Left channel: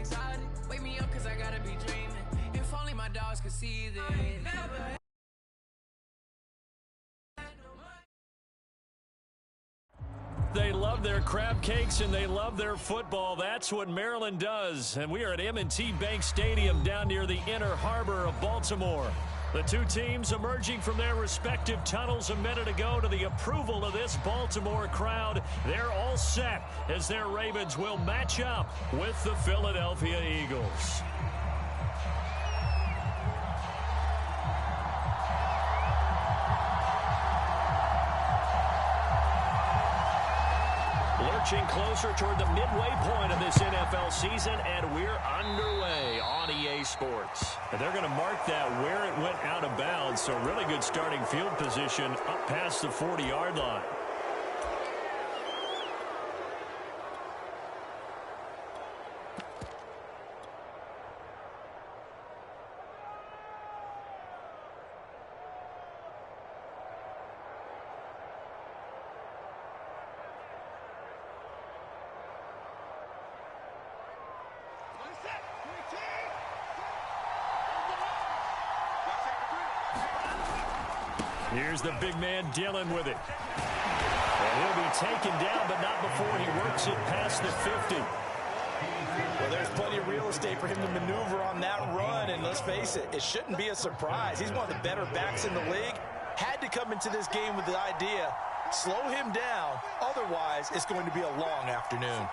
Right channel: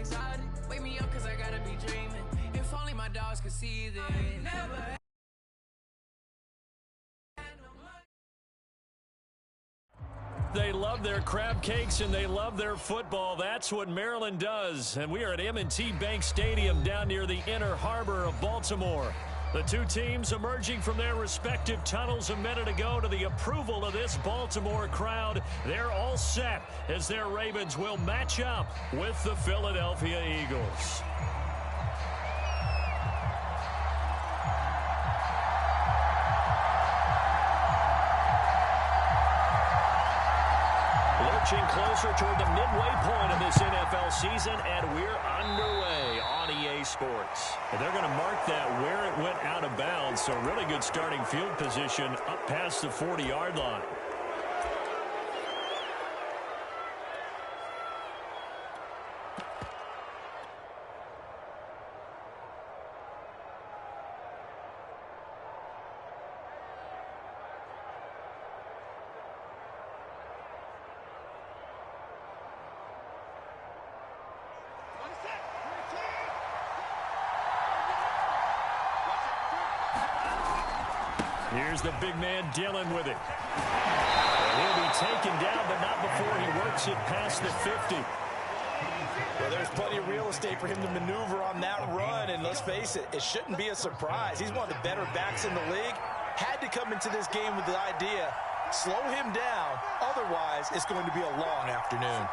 exotic. Wake me up cause I gotta be dreaming. If only my dogs could see this. Never. They love their crab cakes and they love their football. That's what Maryland does. And we are at M&T Bank Stadium down near the inner harbor of Baltimore. The two teams emerging from their respective tunnels a minute ago to the approval of this Baltimore crowd. They're all set as their Ravens will match up with the Philadelphia Eagles. Lurching closer toward the midway point of this NFL season, and we're underway on EA Sports. And they're going to mark that where it went out of bounds, so really good starting field position up past the 40-yard line. Here's the big man dealing with it. And he'll be taken down, but not before he works it past the 50. Well, there's plenty of real estate for him to maneuver on that run, and let's face it, it shouldn't be a surprise. He's one of the better backs in the league. Had to come into this game with the idea, slow him down, otherwise it's going to be a long afternoon.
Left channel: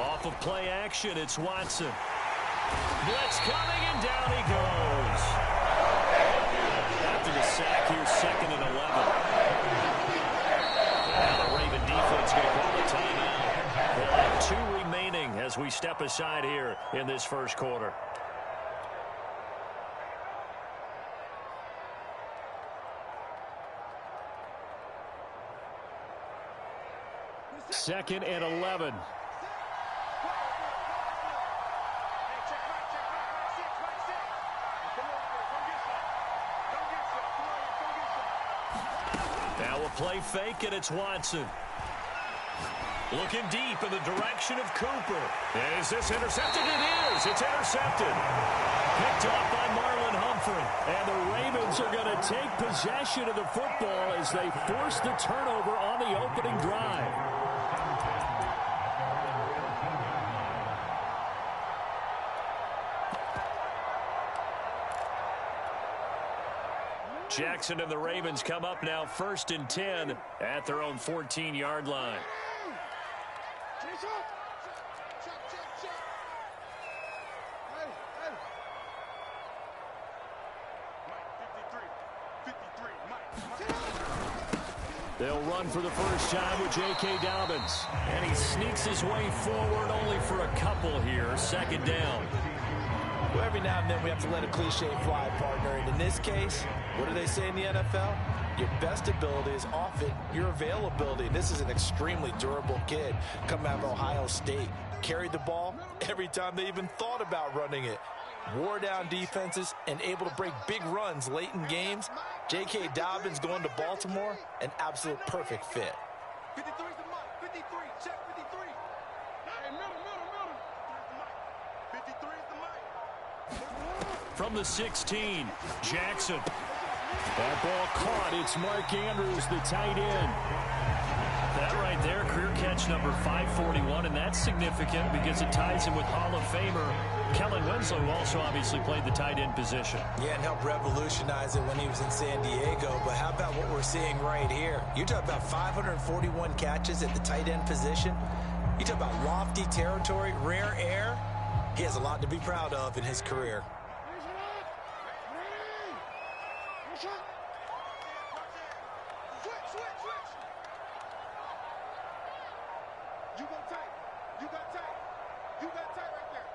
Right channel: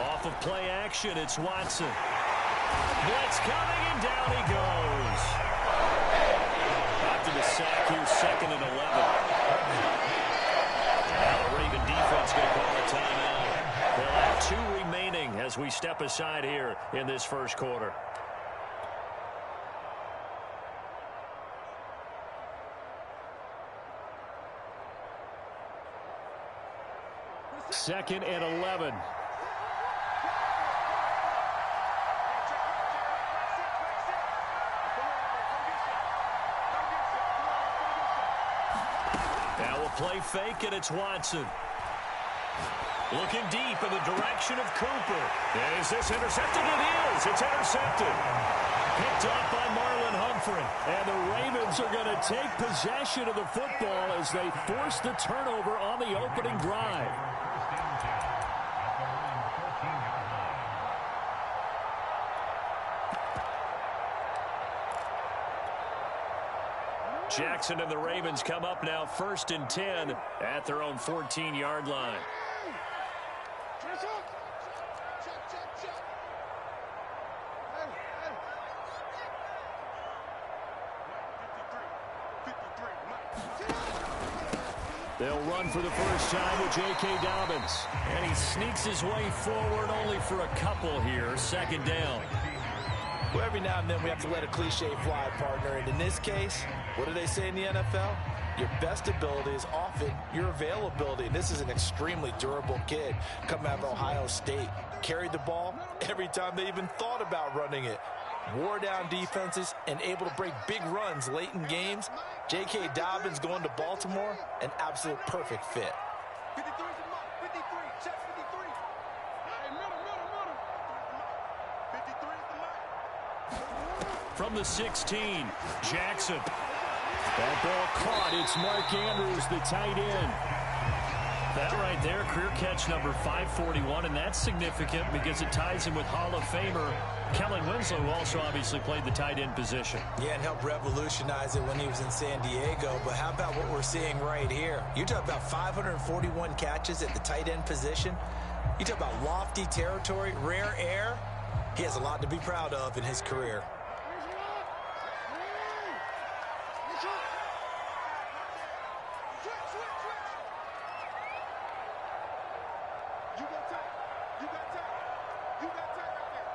Off of play action, it's Watson. Blitz coming, and down he goes. After the sack, here's 2nd and 11. And now the Raven defense going to call a timeout. They'll have 2 remaining as we step aside here in this first quarter. Second and 11. Now a play fake, and it's Watson. Looking deep in the direction of Cooper. Is this intercepted? It is. It's intercepted. Picked off by Marlon Humphrey. And the Ravens are going to take possession of the football as they force the turnover on the opening drive. Jackson and the Ravens come up now 1st and 10 at their own 14-yard line. They'll run for the first time with J.K. Dobbins. And he sneaks his way forward only for a couple here. 2nd down. Well, every now and then we have to let a cliche fly, partner. And in this case, what do they say in the NFL? Your best ability is often your availability. And this is an extremely durable kid coming out of Ohio State. Carried the ball every time they even thought about running it. Wore down defenses and able to break big runs late in games. J.K. Dobbins going to Baltimore, an absolute perfect fit. 53 is the mic. 53, check 53. Hey, middle. 53 is the mic. From the 16, Jackson. That ball caught. It's Mark Andrews, the tight end. That right there, career catch number 541, and that's significant because it ties him with Hall of Famer Kellen Winslow, who also obviously played the tight end position. Yeah, and helped revolutionize it when he was in San Diego. But how about what we're seeing right here? You talk about 541 catches at the tight end position. You talk about lofty territory, rare air. He has a lot to be proud of in his career. You go tight. You got tight. You got tight right there.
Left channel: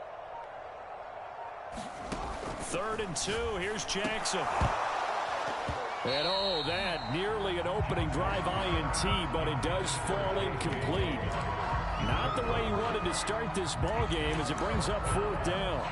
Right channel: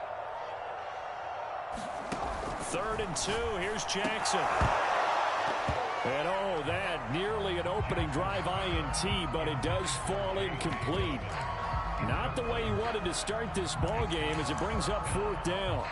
3rd and 2. Here's Jackson. And oh, that nearly an opening drive INT, but it does fall incomplete. Not the way he wanted to start this ball game as it brings up 4th down.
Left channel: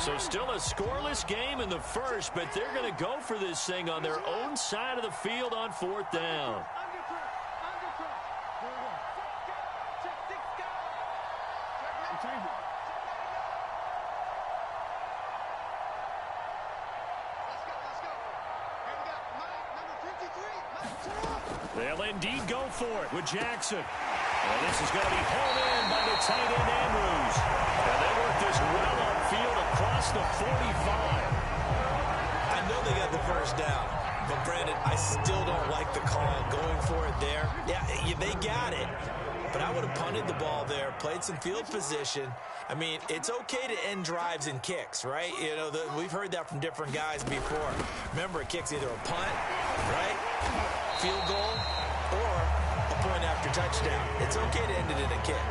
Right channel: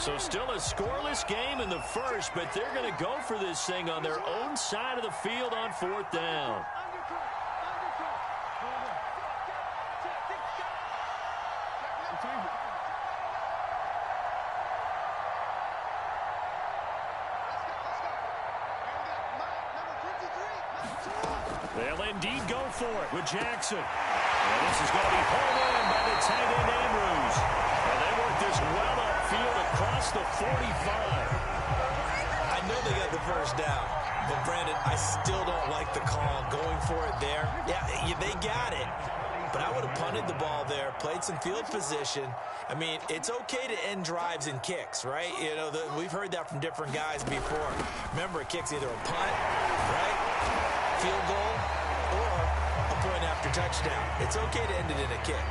So still a scoreless game in the first, but they're going to go for this thing on their own side of the field on 4th down. They'll indeed go for it with Jackson. And this is going to be hauled in by the tight end Andrews. And they work this well upfield across the 45. I know they got the first down, but Brandon, I still don't like the call going for it there. Yeah, they got it. But I would have punted the ball there, played some field position. I mean, it's okay to end drives and kicks, right? You know, we've heard that from different guys before. Remember, a kick's either a punt, right, field goal, or a point after touchdown. It's okay to end it in a kick.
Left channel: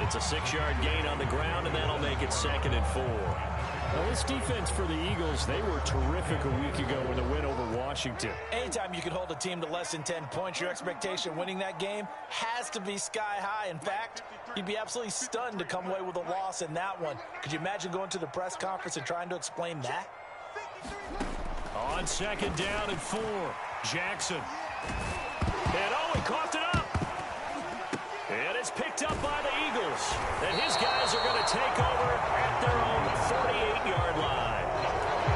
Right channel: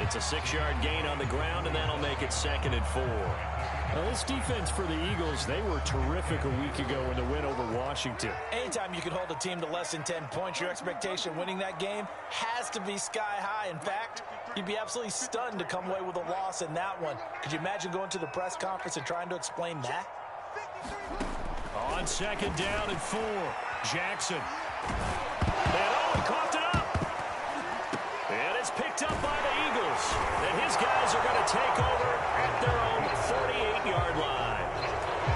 It's a 6-yard gain on the ground, and that'll make it 2nd and 4. Now, this defense for the Eagles, they were terrific a week ago in the win over Washington. Anytime you can hold a team to less than 10 points, your expectation winning that game has to be sky high. In fact, you'd be absolutely stunned to come away with a loss in that one. Could you imagine going to the press conference and trying to explain that? On 2nd down and 4, Jackson. And he coughed it up. And it's picked up by the Eagles. And his guys are going to take over at their own 48-yard line.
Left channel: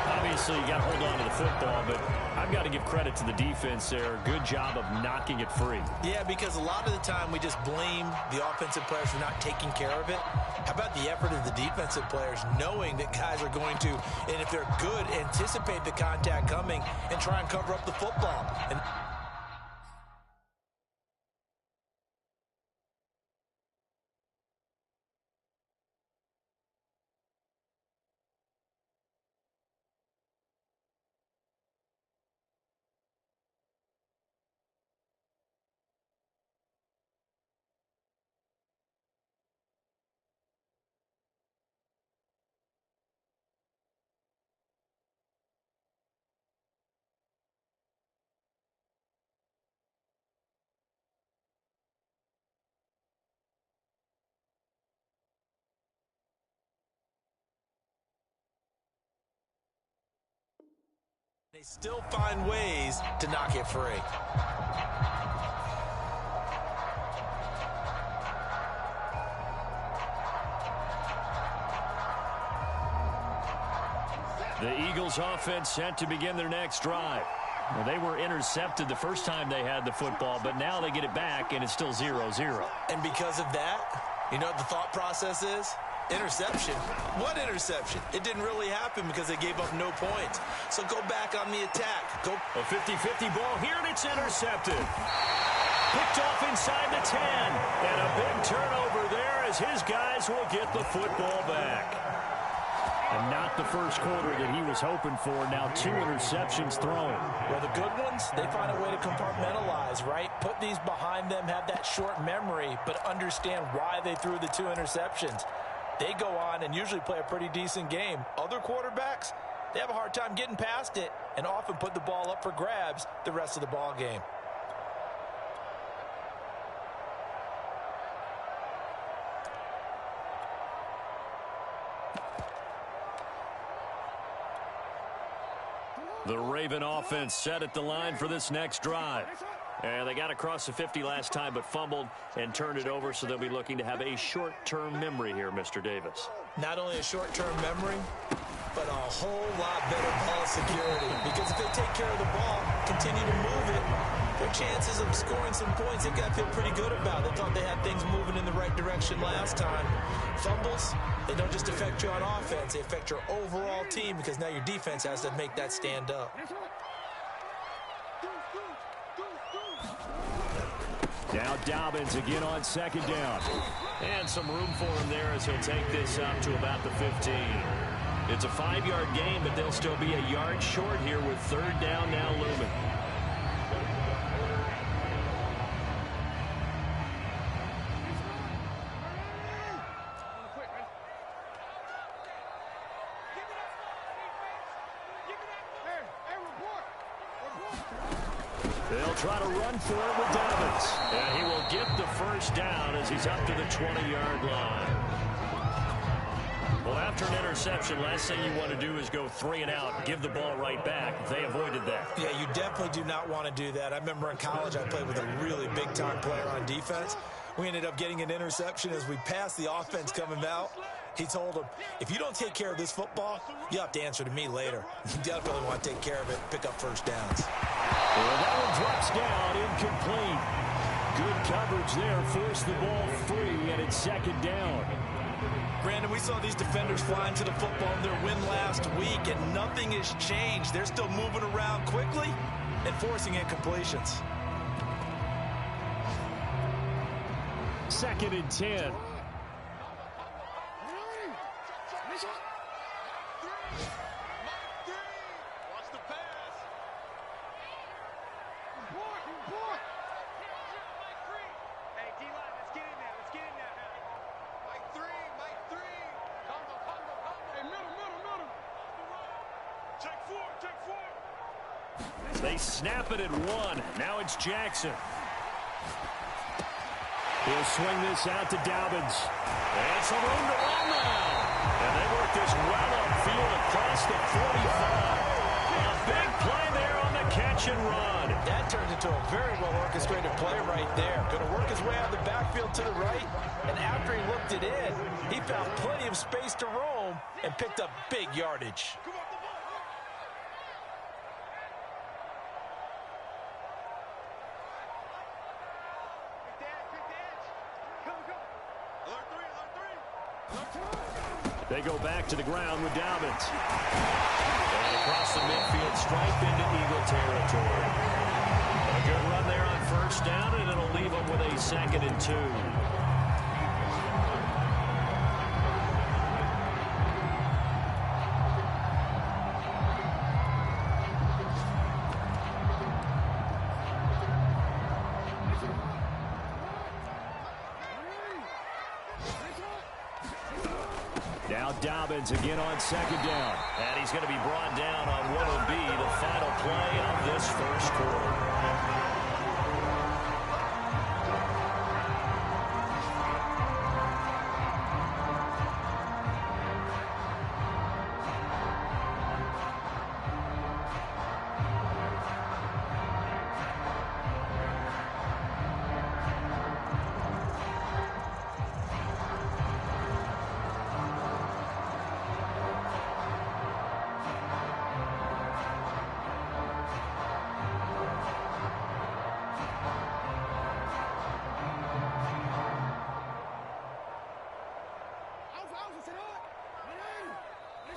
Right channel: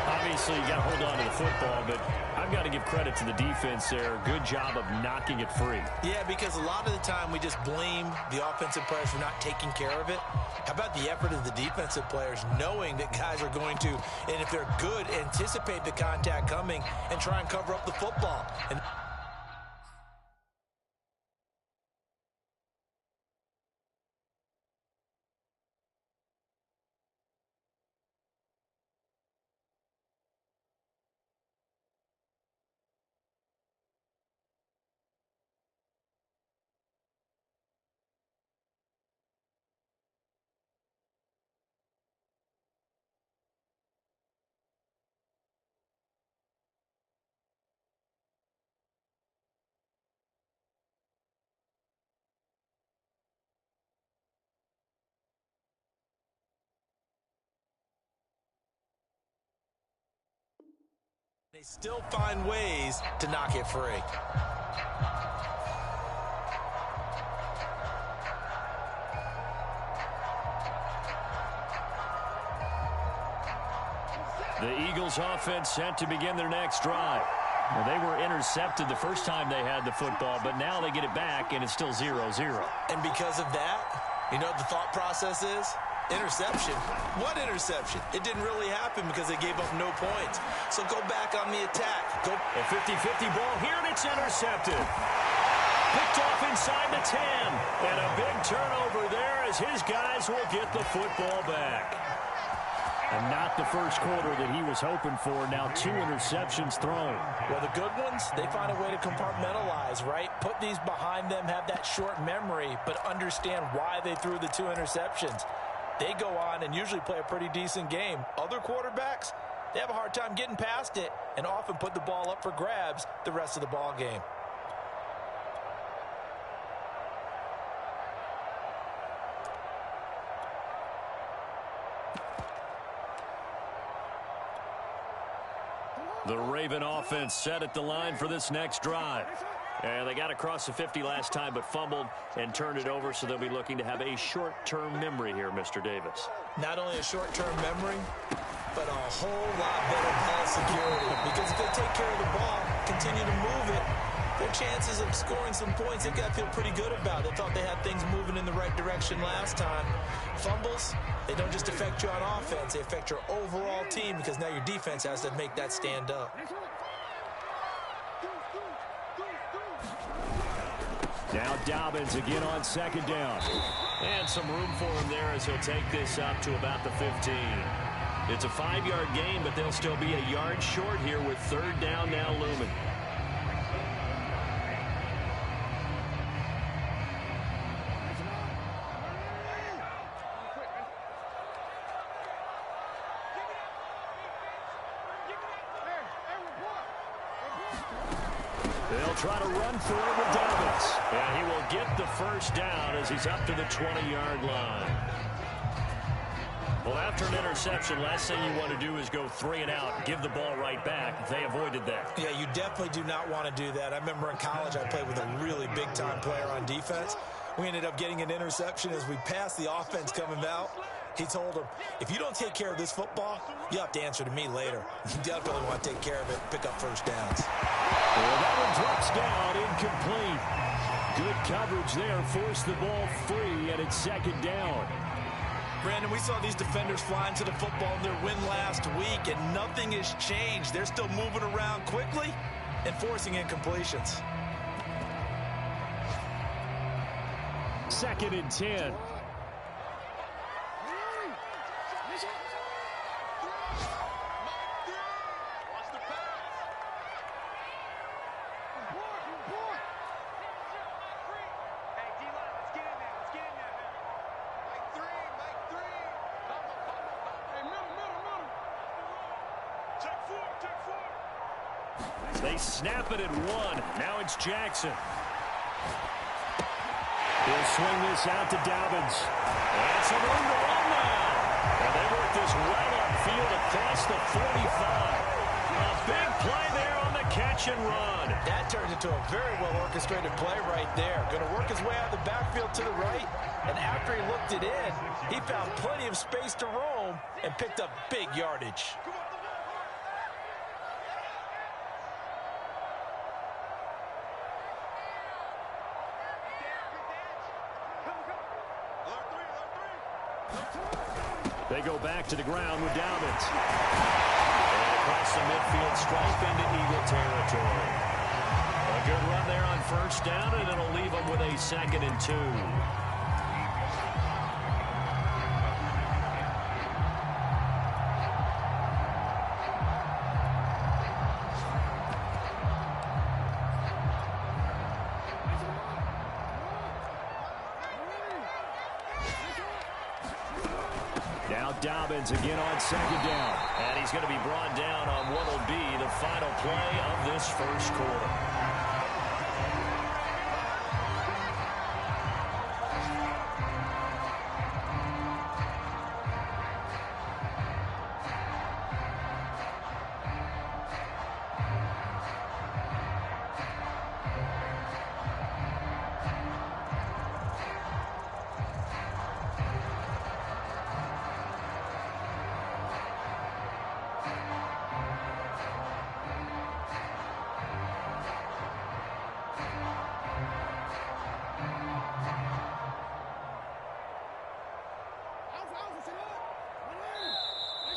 Obviously, you got to hold on to the football, but I've got to give credit to the defense there. Good job of knocking it free. Yeah, because a lot of the time we just blame the offensive players for not taking care of it. How about the effort of the defensive players knowing that guys are going to, and if they're good, anticipate the contact coming and try and cover up the football. And they still find ways to knock it free. The Eagles offense set to begin their next drive. Well, they were intercepted the first time they had the football, but now they get it back, and it's still 0-0. And because of that, you know what the thought process is? Interception. What interception? It didn't really happen because they gave up no points. So go back on the attack. Go. A 50-50 ball here, and it's intercepted. Picked off inside the 10. And a big turnover there as his guys will get the football back. And not the first quarter that he was hoping for. Now 2 interceptions thrown. Well, the good ones, they find a way to compartmentalize, right? Put these behind them, have that short memory, but understand why they threw the 2 interceptions. They go on and usually play a pretty decent game. Other quarterbacks, they have a hard time getting past it and often put the ball up for grabs the rest of the ball game. The Raven offense set at the line for this next drive. And they got across the 50 last time but fumbled and turned it over, so they'll be looking to have a short-term memory here, Mr. Davis. Not only a short-term memory, but a whole lot better ball security. Because if they take care of the ball, continue to move it, their chances of scoring some points, they've got to feel pretty good about. They thought they had things moving in the right direction last time. Fumbles, they don't just affect you on offense, they affect your overall team because now your defense has to make that stand up. Now Dobbins again on 2nd down. And some room for him there as he'll take this up to about the 15. It's a 5-yard gain, but they'll still be a yard short here with 3rd down now looming. They'll try to run for it with Dobbins. And he will get the first down as he's up to the 20-yard line. Well, after an interception, last thing you want to do is go 3 and out, give the ball right back. They avoided that. Yeah, you definitely do not want to do that. I remember in college I played with a really big-time player on defense. We ended up getting an interception as we passed the offense coming out. He told him, if you don't take care of this football, you have to answer to me later. You definitely want to take care of it, pick up first downs. Well, that one drops down, incomplete. Good coverage there, forced the ball free, and it's second down. Brandon, we saw these defenders flying to the football in their win last week, and nothing has changed. They're still moving around quickly and forcing incompletions. 2nd and 10. They snap it at 1. Now it's Jackson. He'll swing this out to Dobbins. And some room to run now. And they work this well upfield across the 45. A big play there on the catch and run. That turns into a very well-orchestrated play right there. Going to work his way out of the backfield to the right. And after he looked it in, he found plenty of space to roam and picked up big yardage. They go back to the ground with Dobbins. And across the midfield stripe into Eagle territory. A good run there on first down, and it'll leave them with a 2nd and 2. Now Dobbins again on 2nd down. And he's going to be brought down on what will be the final play of this first quarter.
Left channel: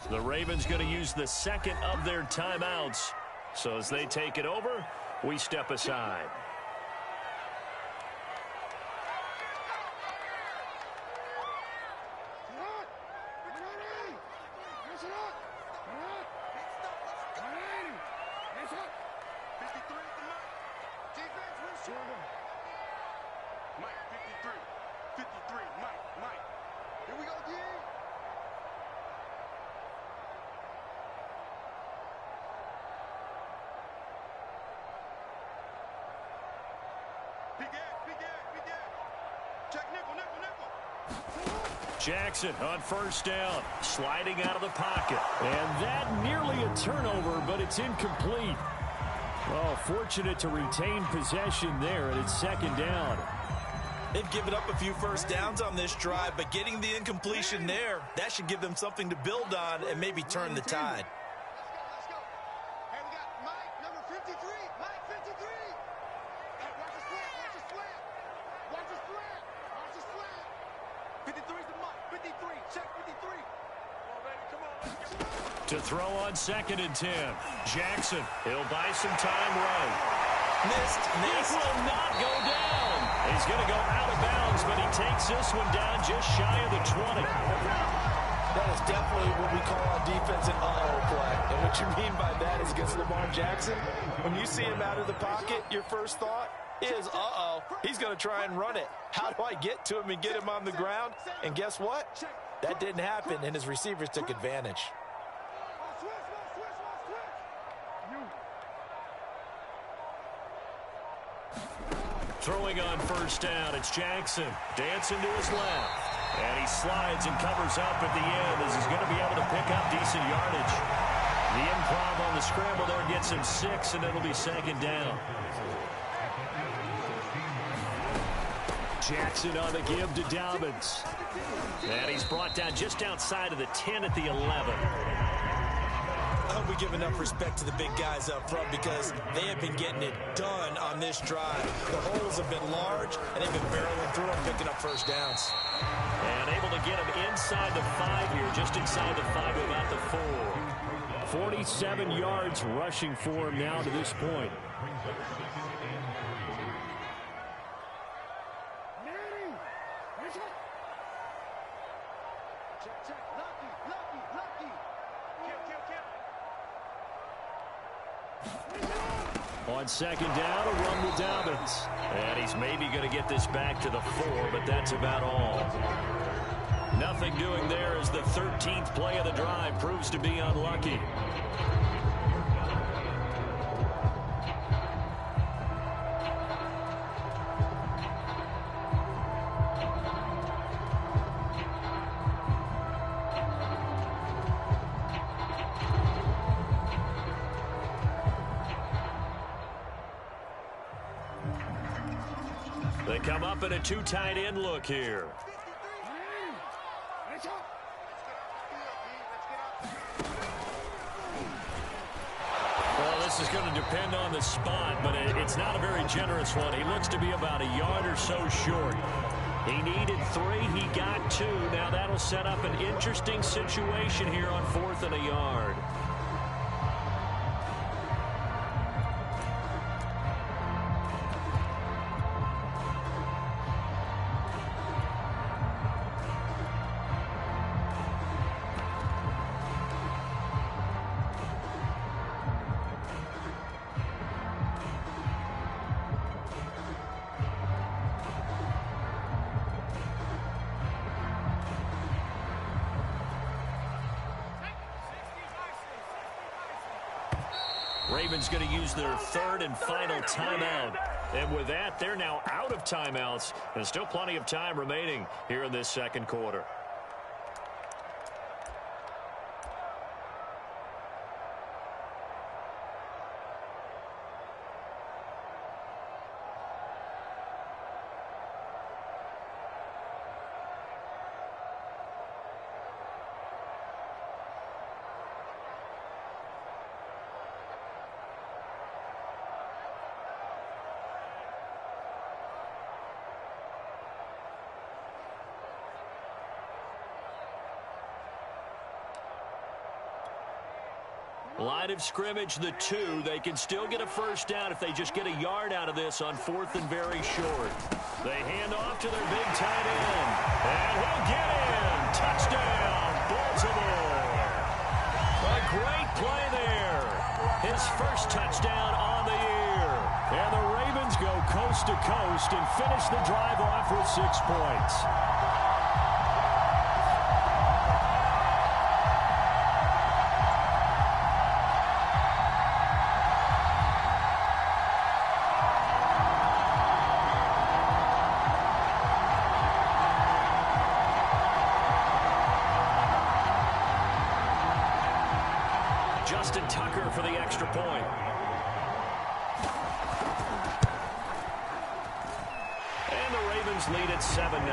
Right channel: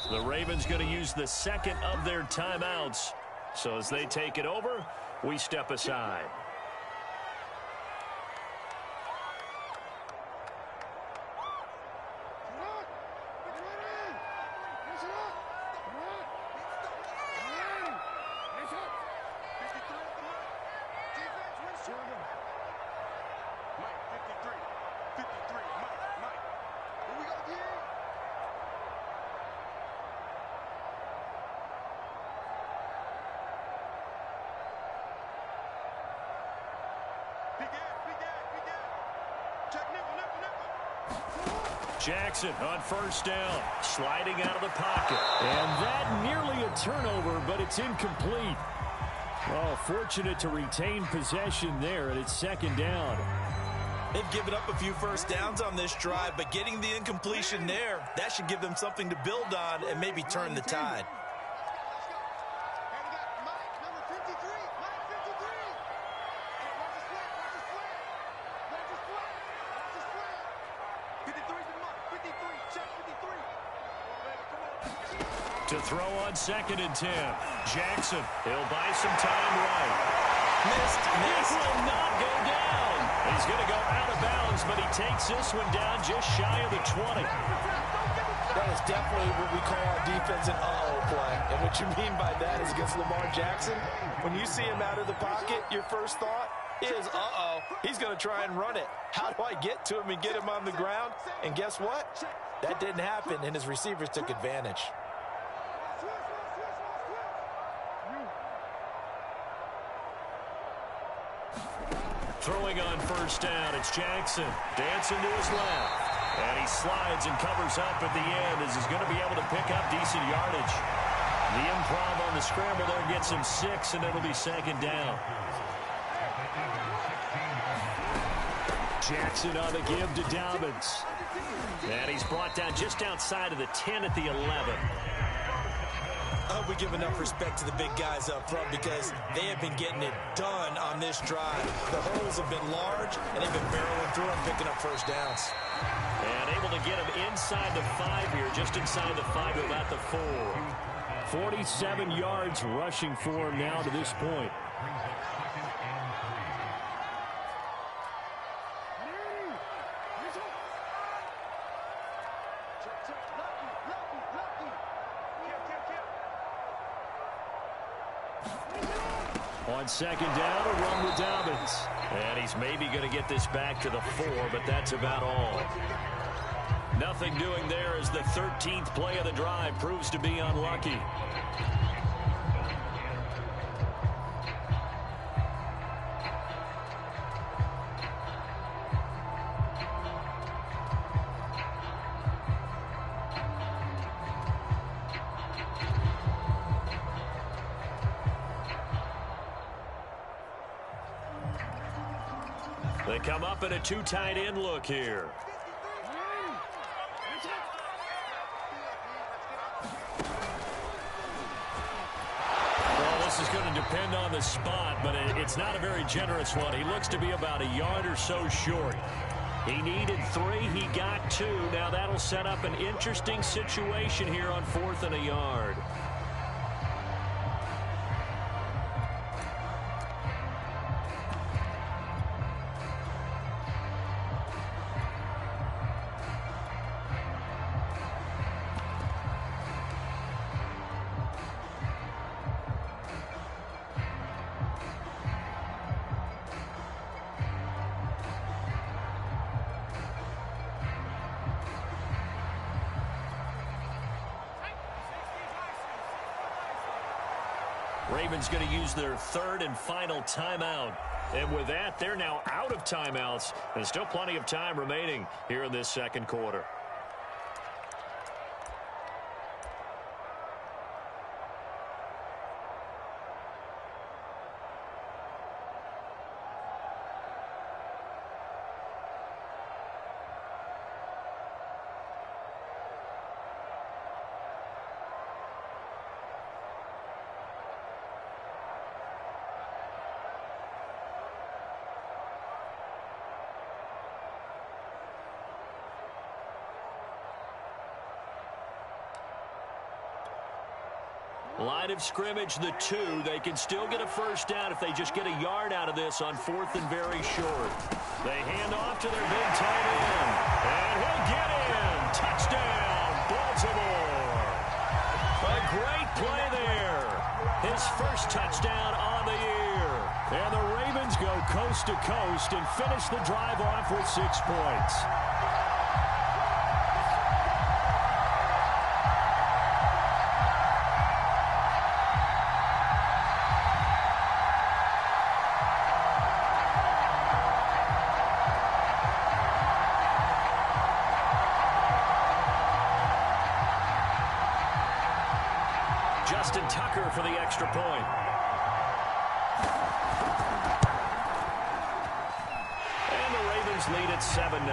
The Ravens going to use the 2nd of their timeouts. So as they take it over, we step aside. Mike, 53. 53, Mike. Here we go, D. Big check nickel. Jackson on first down, sliding out of the pocket. And that nearly a turnover, but it's incomplete. Oh, fortunate to retain possession there, and it's 2nd down. They've given up a few first downs on this drive, but getting the incompletion there, that should give them something to build on and maybe turn the tide. Let's go. Hey, we got Mike, number 53. Mike, 53. Hey, watch his flat. Watch his flat. 53's the Mike. 53. Check 53. Come on, baby. Come on. Let's go. To throw on 2nd and 10. Jackson, he'll buy some time right. Missed. This will not go down. He's going to go out of bounds, but he takes this one down just shy of the 20. That is definitely what we call on defense an uh-oh play. And what you mean by that is against Lamar Jackson, when you see him out of the pocket, your first thought is, uh-oh, he's going to try and run it. How do I get to him and get him on the ground? And guess what? That didn't happen, and his receivers took advantage. Throwing on first down, it's Jackson. Dancing to his left. And he slides and covers up at the end as he's going to be able to pick up decent yardage. The improv on the scramble there gets him 6, and it'll be second down. Jackson on the give to Dobbins. And he's brought down just outside of the 10 at the 11. I hope we give enough respect to the big guys up front because they have been getting it done on this drive. The holes have been large, and they've been barreling through and picking up first downs. And able to get him inside the 5 here, just inside the 5 to about the 4. 47 yards rushing for him now to this point. On second down, a run with Dobbins. And he's maybe going to get this back to the 4, but that's about all. Nothing doing there as the 13th play of the drive proves to be unlucky. They come up in a 2 tight end look here. Well, this is going to depend on the spot, but it's not a very generous one. He looks to be about a yard or so short. He needed 3. He got 2. Now that'll set up an interesting situation here on 4th and a yard. Ravens going to use their 3rd and final timeout. And with that, they're now out of timeouts. And still plenty of time remaining here in this second quarter. Line of scrimmage, the 2. They can still get a first down if they just get a yard out of this on 4th and very short. They hand off to their big tight end. And he'll get in. Touchdown, Baltimore. A great play there. His first touchdown on the year. And the Ravens go coast to coast and finish the drive off with 6 points. Justin Tucker for the extra point. And the Ravens lead at 7-0.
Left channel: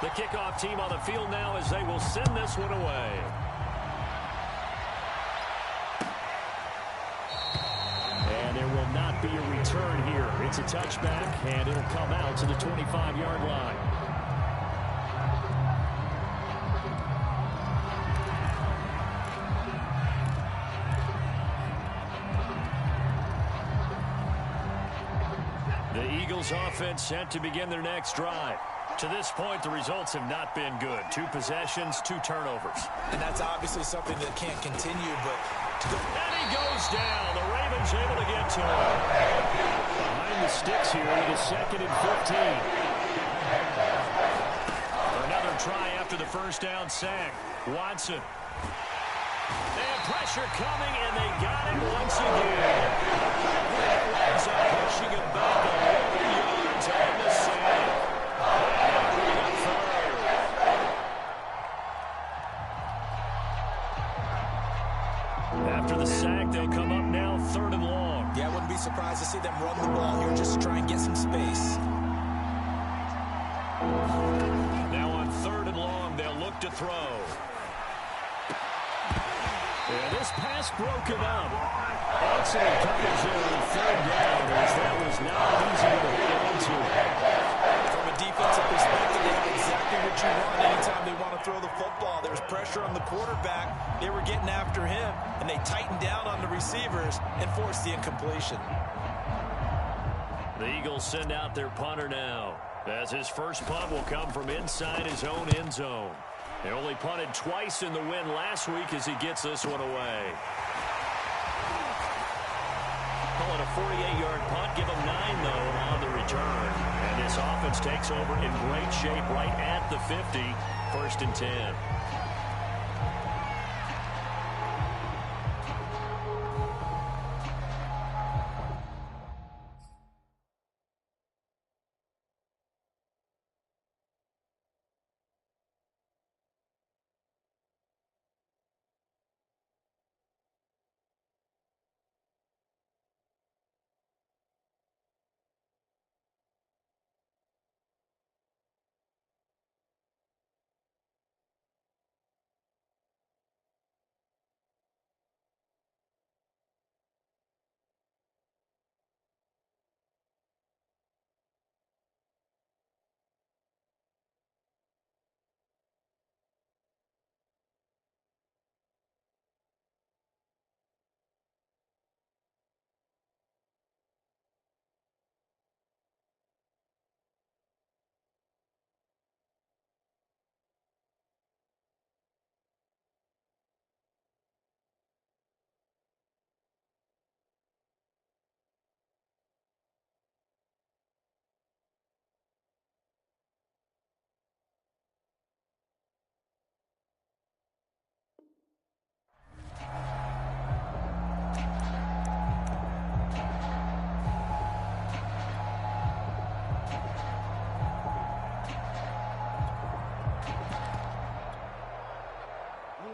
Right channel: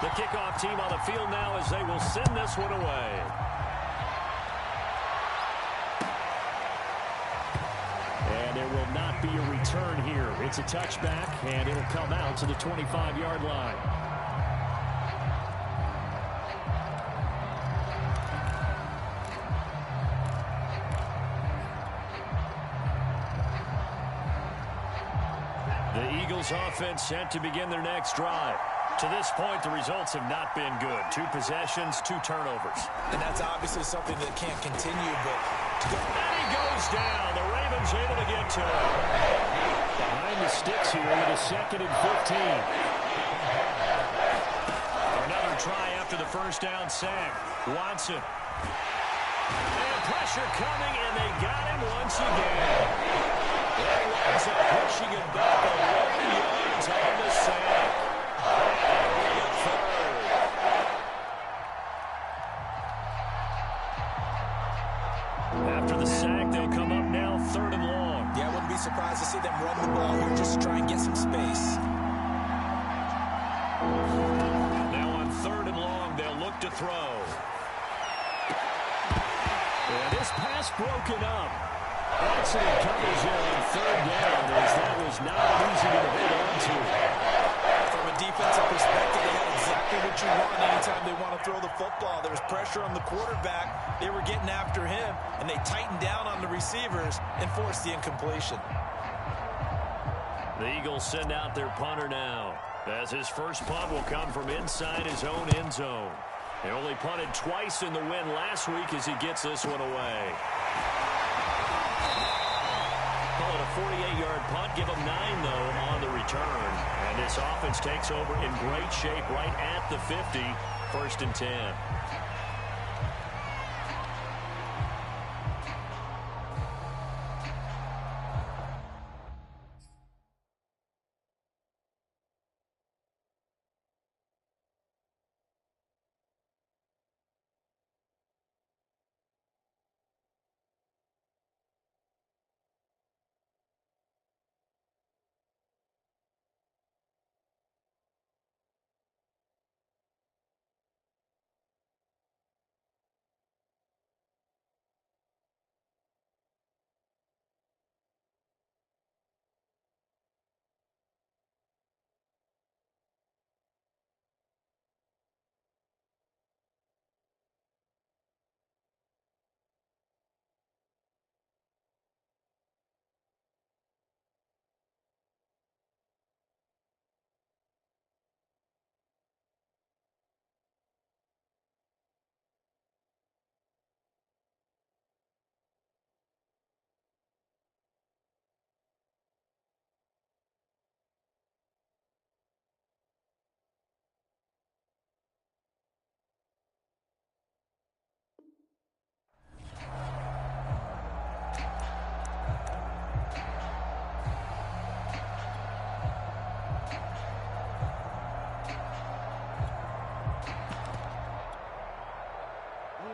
The kickoff team on the field now as they will send this one away. And there will not be a return here. It's a touchback, and it'll come out to the 25-yard line. The Eagles offense set to begin their next drive. To this point, the results have not been good. 2 possessions, 2 turnovers. And that's obviously something that can't continue, but... And he goes down. The Ravens able to get to him. Behind the sticks here with a 2nd and 15. Another try after the first down sack. Watson. And pressure coming, and they got him once again. That winds up pushing him back 11 yards on the sack. And that'll bring up third. After the sack, they'll come up now 3rd and long. Yeah, I wouldn't be surprised to see them run the ball here just to try and get some space. Now on 3rd and long, they'll look to throw. And this pass broken up. Excellent coverage there on 3rd down, as that was not an easy one to hold on to. From a defensive perspective, they had exactly what you want anytime they want to throw the football. There was pressure on the quarterback. They were getting after him, and they tightened down on the receivers and forced the incompletion. The Eagles send out their punter now, as his first punt will come from inside his own end zone. They only punted twice in the win last week as he gets this one away. Call it a 48-yard punt. Give him 9, though, on the return. And this offense takes over in great shape right at the 50, 1st and 10.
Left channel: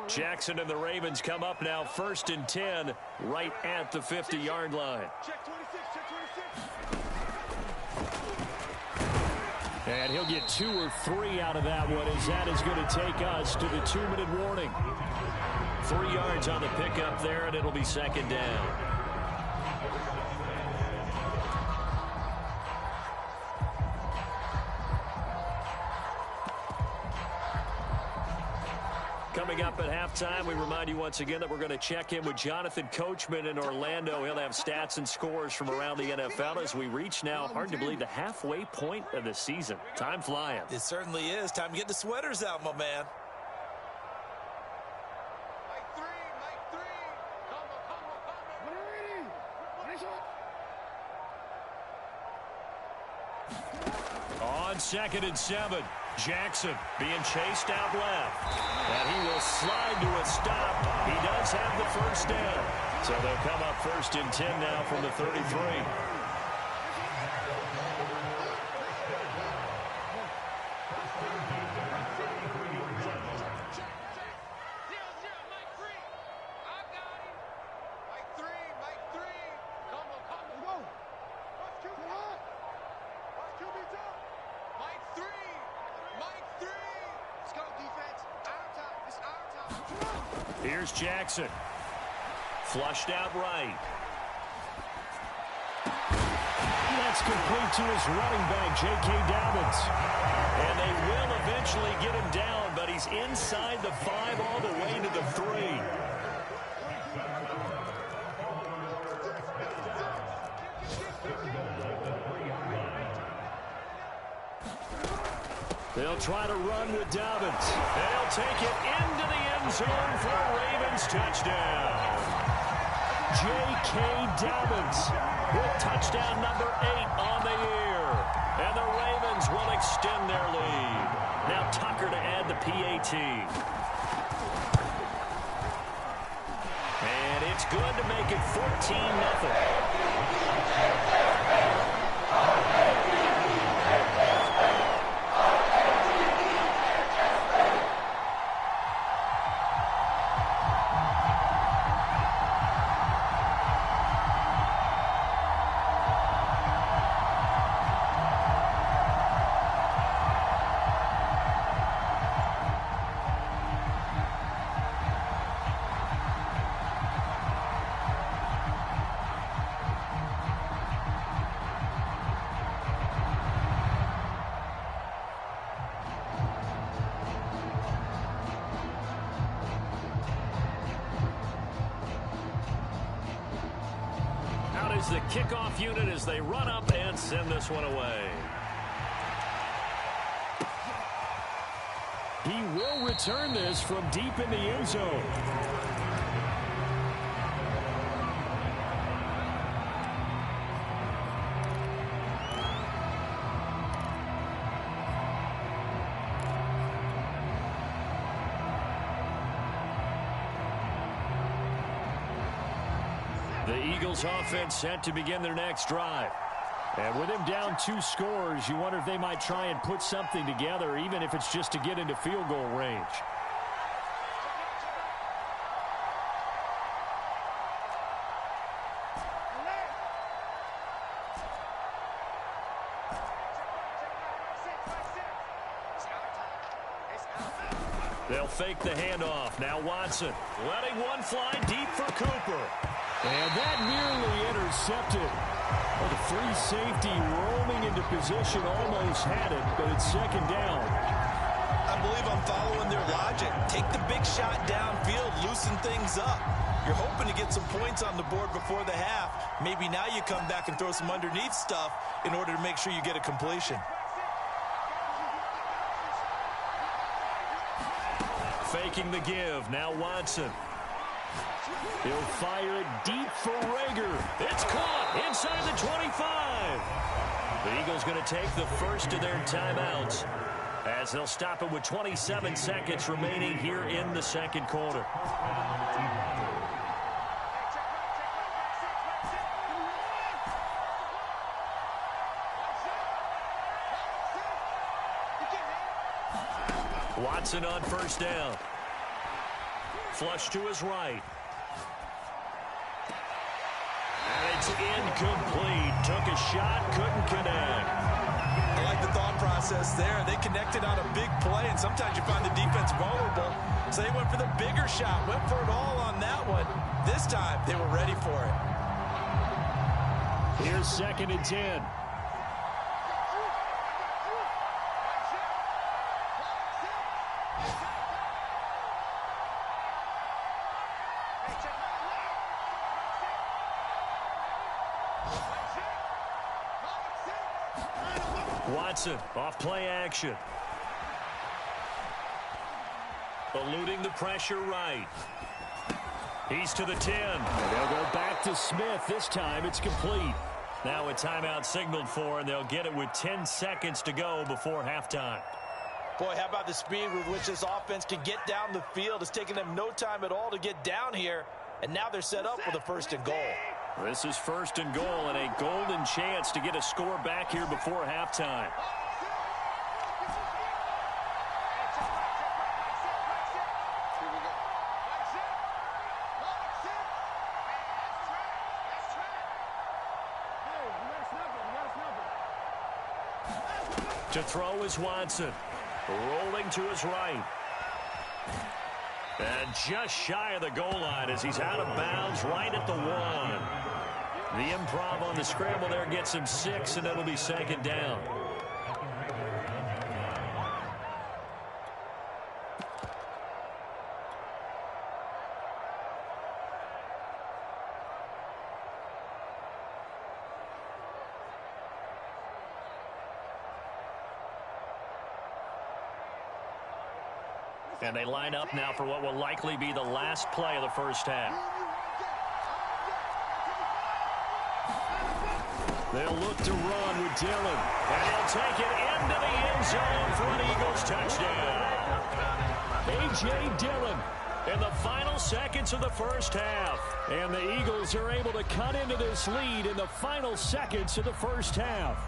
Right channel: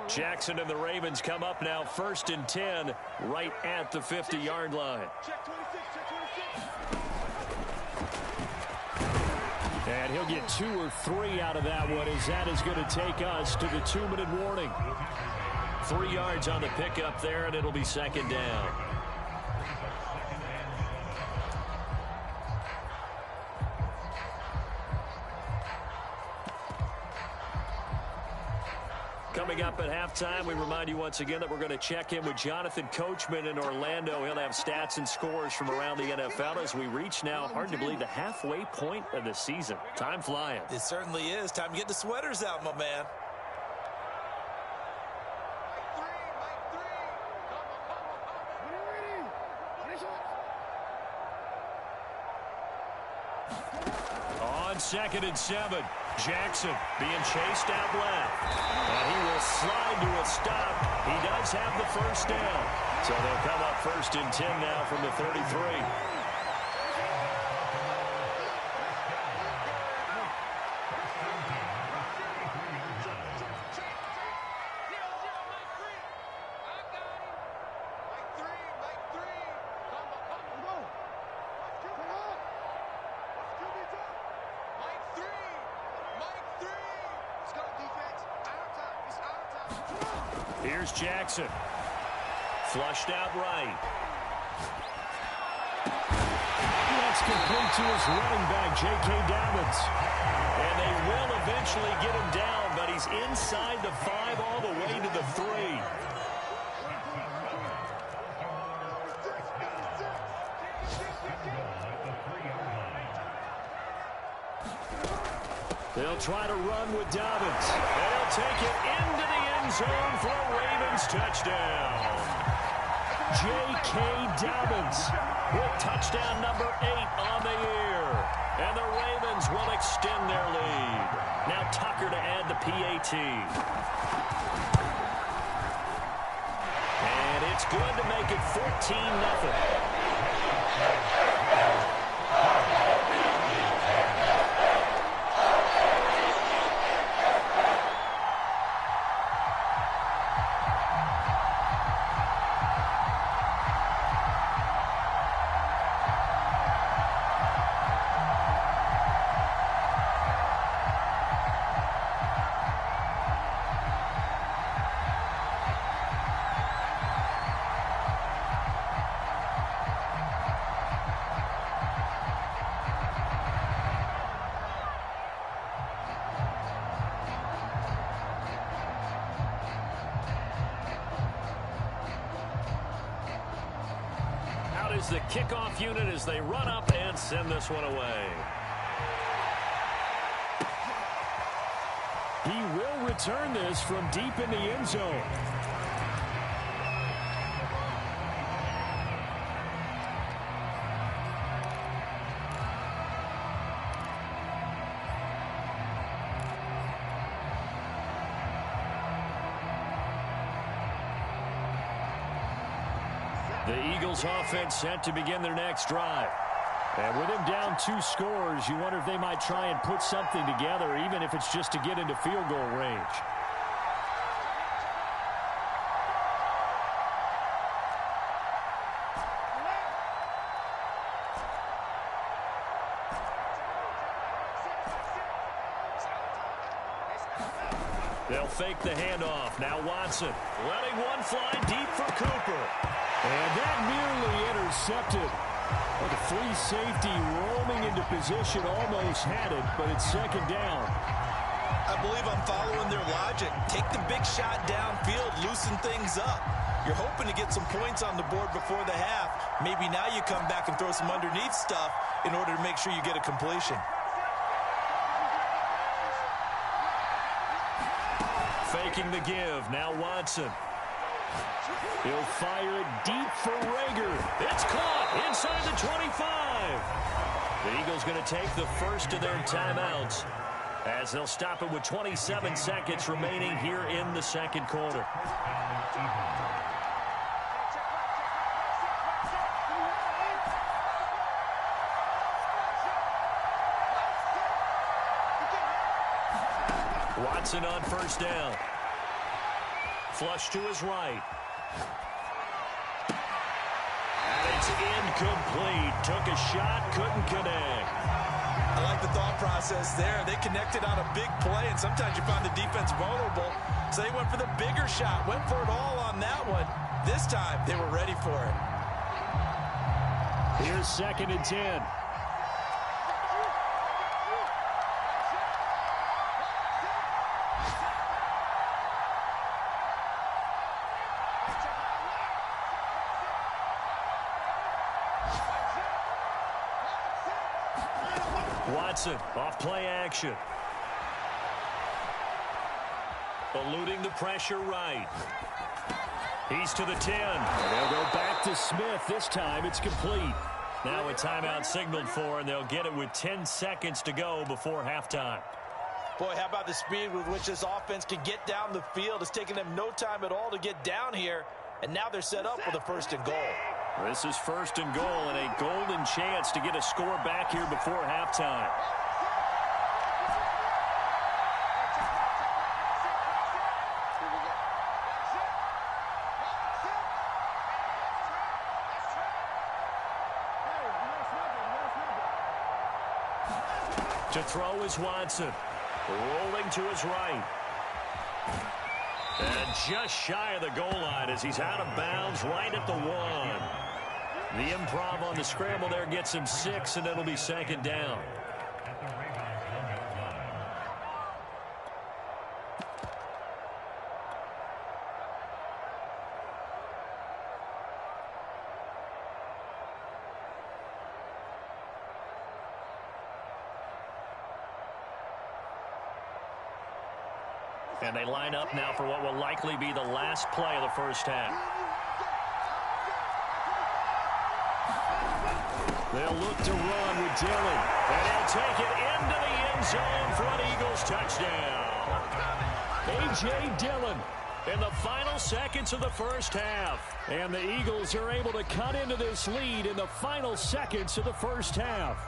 Jackson and the Ravens come up now 1st and 10 right at the 50-yard line. Check 26, check 26. And he'll get 2 or 3 out of that one, as that is going to take us to the 2-minute warning. 3 yards on the pickup there, and it'll be 2nd down. Coming up at halftime, we remind you once again that we're going to check in with Jonathan Coachman in Orlando. He'll have stats and scores from around the NFL as we reach now, hard to believe, the halfway point of the season. Time flying. It certainly is. Time to get the sweaters out, my man. Mike 3, Mike 3. Combo. When you're ready. Finish it. On 2nd and 7. Jackson being chased out left. And he will slide to a stop. He does have the 1st down. So they'll come up 1st and 10 now from the 33. Here's Jackson. Flushed out right. That's complete to his running back, J.K. Dobbins. And they will eventually get him down, but he's inside the 5 all the way to the 3. They'll try to run with Dobbins. They'll take it into the end zone for a Ravens touchdown. J.K. Dobbins with touchdown number 8 on the year. And the Ravens will extend their lead. Now Tucker to add the PAT. And it's good to make it 14-0. Is the kickoff unit as they run up and send this one away. He will return this from deep in the end zone. The Eagles offense set to begin their next drive. And with him down 2 scores, you wonder if they might try and put something together, even if it's just to get into field goal range. They'll fake the handoff. Now Watson letting one fly deep for Cooper. And that nearly intercepted. But the free safety roaming into position almost had it, but it's second down. I believe I'm following their logic. Take the big shot downfield, loosen things up. You're hoping to get some points on the board before the half. Maybe now you come back and throw some underneath stuff in order to make sure you get a completion. Faking the give. Now Watson. He'll fire it deep for Rager. It's caught inside the 25. The Eagles going to take the first of their timeouts as they'll stop it with 27 seconds remaining here in the second quarter. Watson on first down. Flush to his right. And it's incomplete. Took a shot, couldn't connect. I like the thought process there. They connected on a big play, and sometimes you find the defense vulnerable. So they went for the bigger shot, went for it all on that one. This time, they were ready for it. Here's 2nd and 10. Watson off play action. Eluding the pressure right. He's to the 10. And they'll go back to Smith. This time it's complete. Now a timeout signaled for, and they'll get it with 10 seconds to go before halftime. Boy, how about the speed with which this offense can get down the field? It's taken them no time at all to get down here, and now they're set up with a 1st and goal. This is 1st and goal and a golden chance to get a score back here before halftime. To throw is Watson. Rolling to his right. And just shy of the goal line as he's out of bounds right at the 1. The improv on the scramble there gets him 6, and it'll be 2nd down. And they line up now for what will likely be the last play of the first half. They'll look to run with Dillon. And he'll take it into the end zone for an Eagles touchdown. A.J. Dillon. in the final seconds of the first half. And the Eagles are able to cut into this lead in the final seconds of the first half.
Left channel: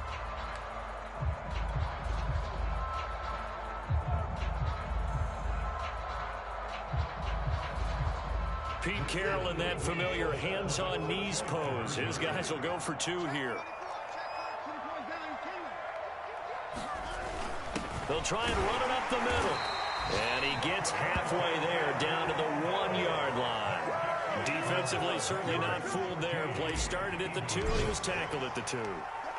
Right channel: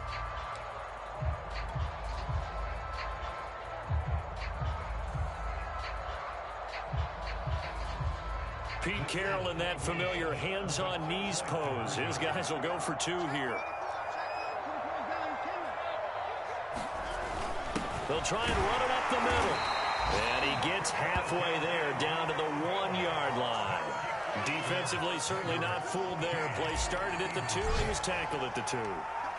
Pete Carroll in that familiar hands-on knees pose. His guys will go for two here. They'll try and run it up the middle. And he gets halfway there, down to the 1-yard line. Defensively, certainly not fooled there. Play started at the 2, and he was tackled at the 2.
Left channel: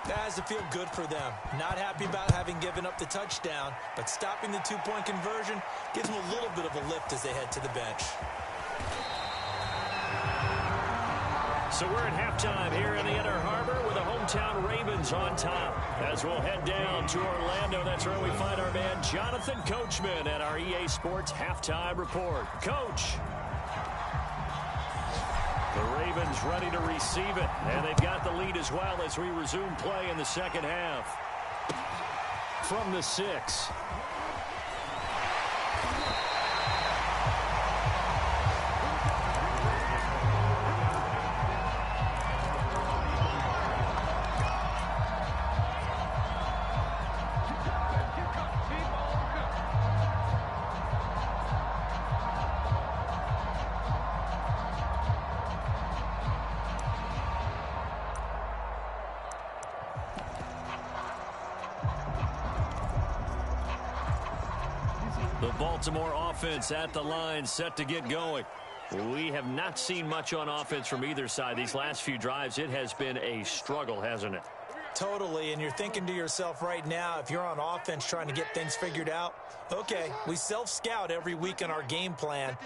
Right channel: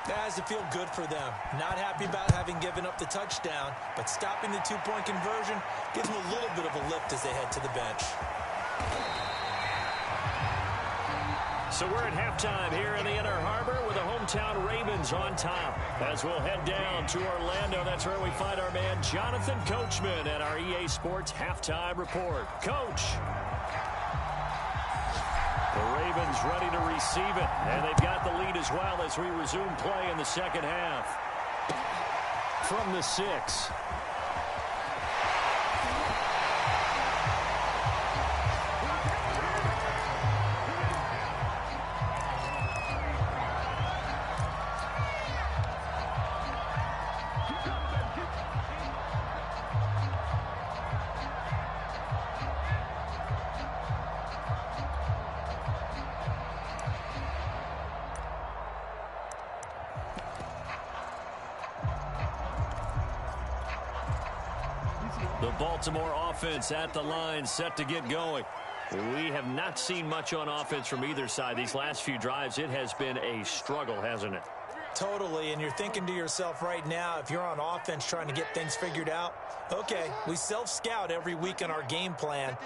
That has to feel good for them. Not happy about having given up the touchdown, but stopping the 2-point conversion gives them a little bit of a lift as they head to the bench. So we're at halftime here in the Inner Harbor with the hometown Ravens on top. As we'll head down to Orlando, that's where we find our man Jonathan Coachman at our EA Sports Halftime Report. Coach. The Ravens ready to receive it, and they've got the lead as well as we resume play in the second half. From the 6. The Baltimore offense at the line, set to get going. We have not seen much on offense from either side. These last few drives, it has been a struggle, hasn't it? Totally, and you're thinking to yourself right now, if you're on offense trying to get things figured out, okay, we self-scout every week on our game plan.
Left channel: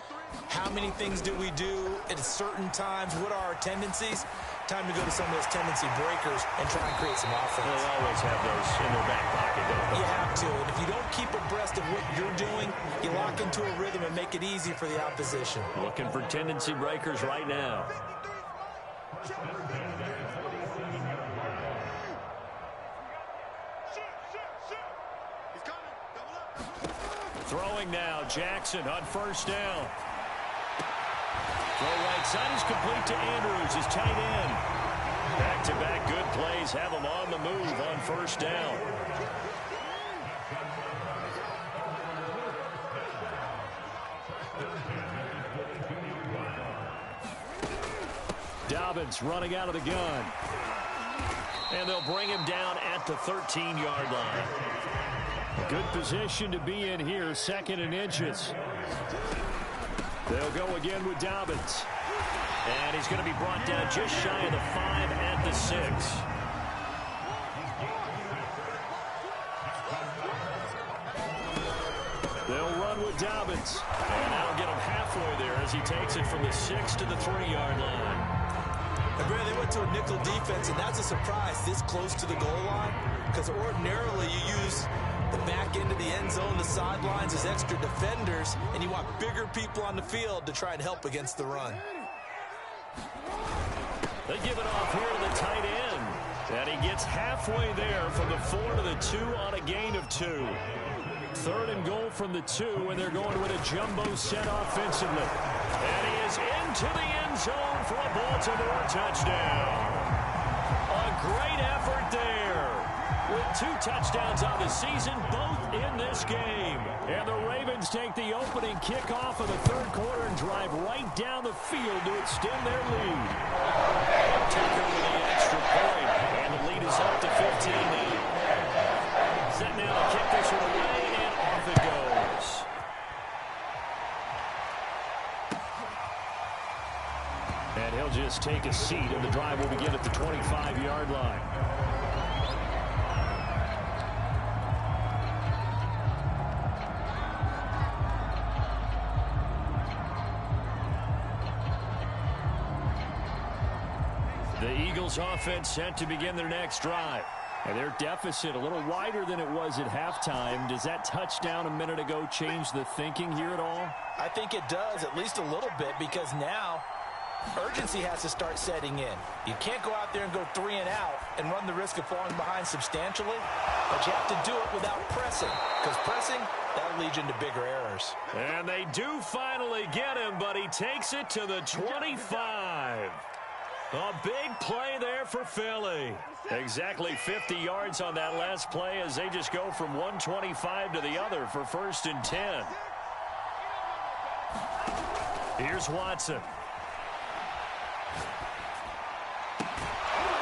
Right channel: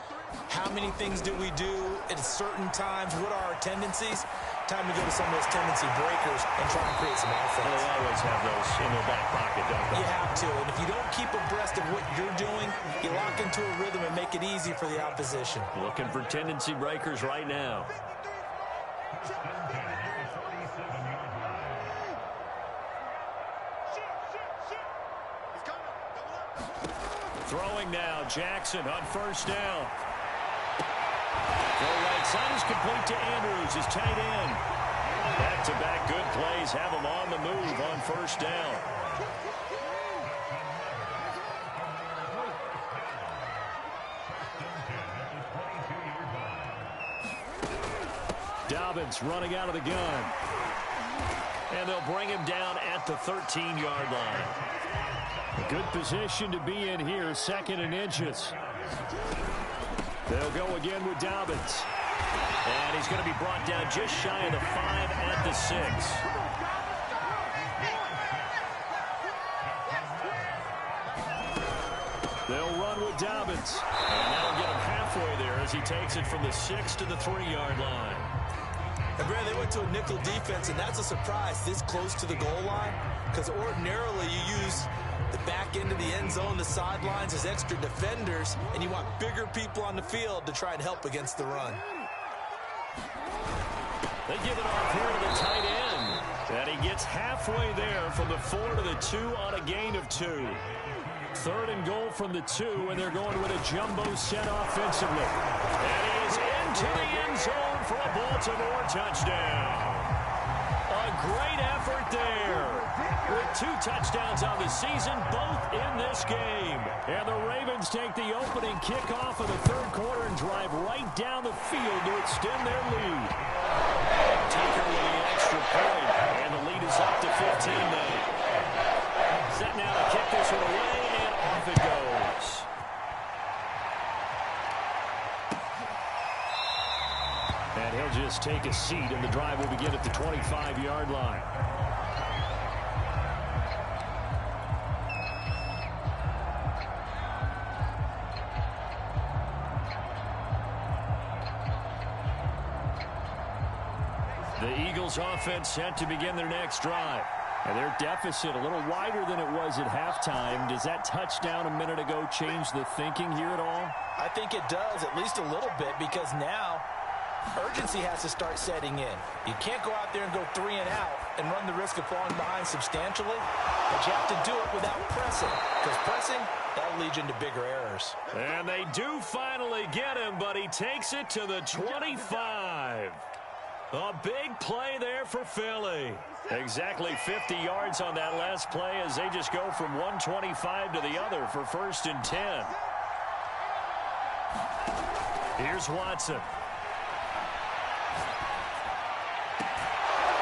How many things do we do at certain times? What are our tendencies? Time to go to some of those tendency breakers and try and create some offense. Well, they always have those in their back pocket, don't they? You have to, and if you don't keep abreast of what you're doing, you lock into a rhythm and make it easy for the opposition. Looking for tendency breakers right now. Throwing now, Jackson on first down. Throw right side is complete to Andrews, his tight end. Back-to-back good plays have him on the move on first down. Dobbins running out of the gun. And they'll bring him down at the 13-yard line. A good position to be in here, 2nd and inches. They'll go again with Dobbins. And he's going to be brought down just shy of the 5 at the 6. They'll run with Dobbins. And that'll get him halfway there as he takes it from the 6 to the 3-yard line. And Brad, they went to a nickel defense, and that's a surprise this close to the goal line, because ordinarily you use the back end of the end zone, the sidelines as extra defenders, and you want bigger people on the field to try and help against the run. They give it off here to the tight end. And he gets halfway there from the 4 to the 2 on a gain of 2. 3rd and goal from the 2, and they're going with a jumbo set offensively. And he is into the end zone for a Baltimore touchdown. A great effort there. With 2 touchdowns on the season, both in this game. And the Ravens take the opening kickoff of the 3rd quarter and drive right down the field to extend their lead. Tucker with the extra point, and the lead is up to 15 now. Set now to kick this one away, and off it goes. And he'll just take a seat, and the drive will begin at the 25-yard line. The Eagles offense set to begin their next drive. And their deficit a little wider than it was at halftime. Does that touchdown a minute ago change the thinking here at all? I think it does, at least a little bit, because now urgency has to start setting in. You can't go out there and go 3 and out and run the risk of falling behind substantially, but you have to do it without pressing, because pressing, that'll lead you into bigger errors. And they do finally get him, but he takes it to the 25. A big play there for Philly. Exactly 50 yards on that last play as they just go from 125 to the other for 1st and 10. Here's Watson.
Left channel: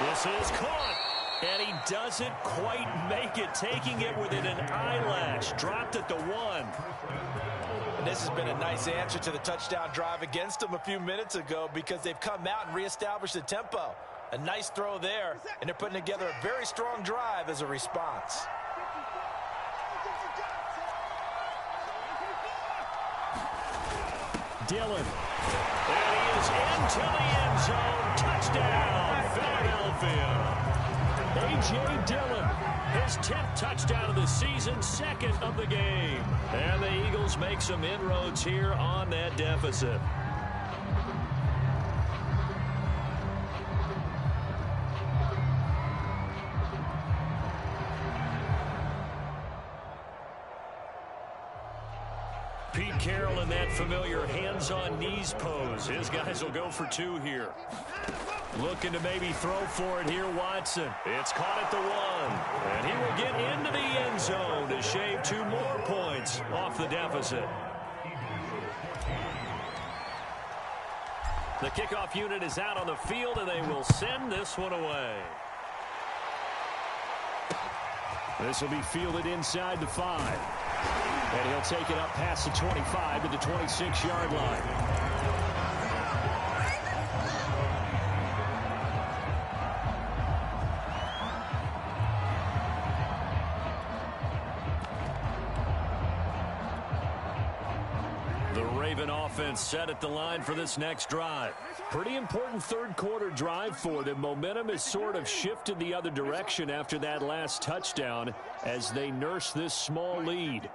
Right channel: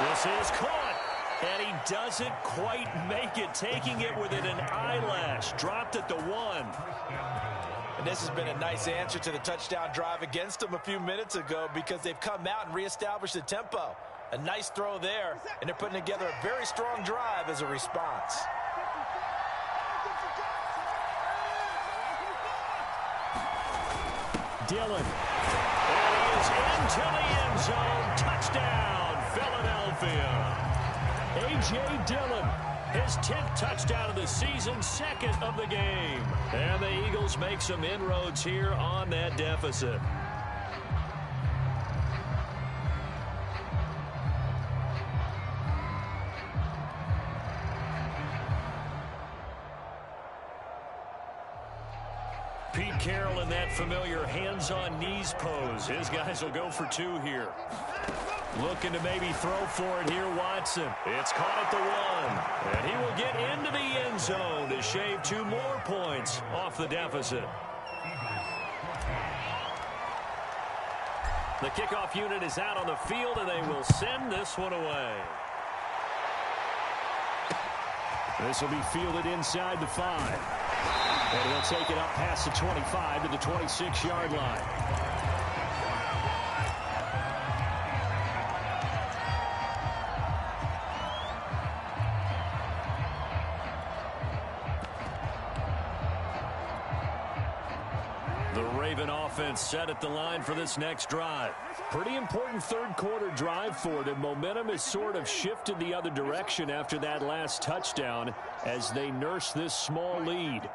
This is caught, and he doesn't quite make it, taking it within an eyelash. Dropped at the 1. And this has been a nice answer to the touchdown drive against them a few minutes ago, because they've come out and reestablished the tempo. A nice throw there, and they're putting together a very strong drive as a response. Dillon. And he is into the end zone. Touchdown, Philadelphia. A.J. Dillon, his 10th touchdown of the season, 2nd of the game. And the Eagles make some inroads here on that deficit. Pete Carroll in that familiar hands-on knees pose. His guys will go for 2 here. Looking to maybe throw for it here, Watson. It's caught at the 1. And he will get into the end zone to shave 2 more points off the deficit. The kickoff unit is out on the field, and they will send this one away. This will be fielded inside the 5. And he'll take it up past the 25 to the 26-yard line. The Raven offense set at the line for this next drive. Pretty important third-quarter drive for them. Momentum has sort of shifted the other direction after that last touchdown as they nurse this small lead.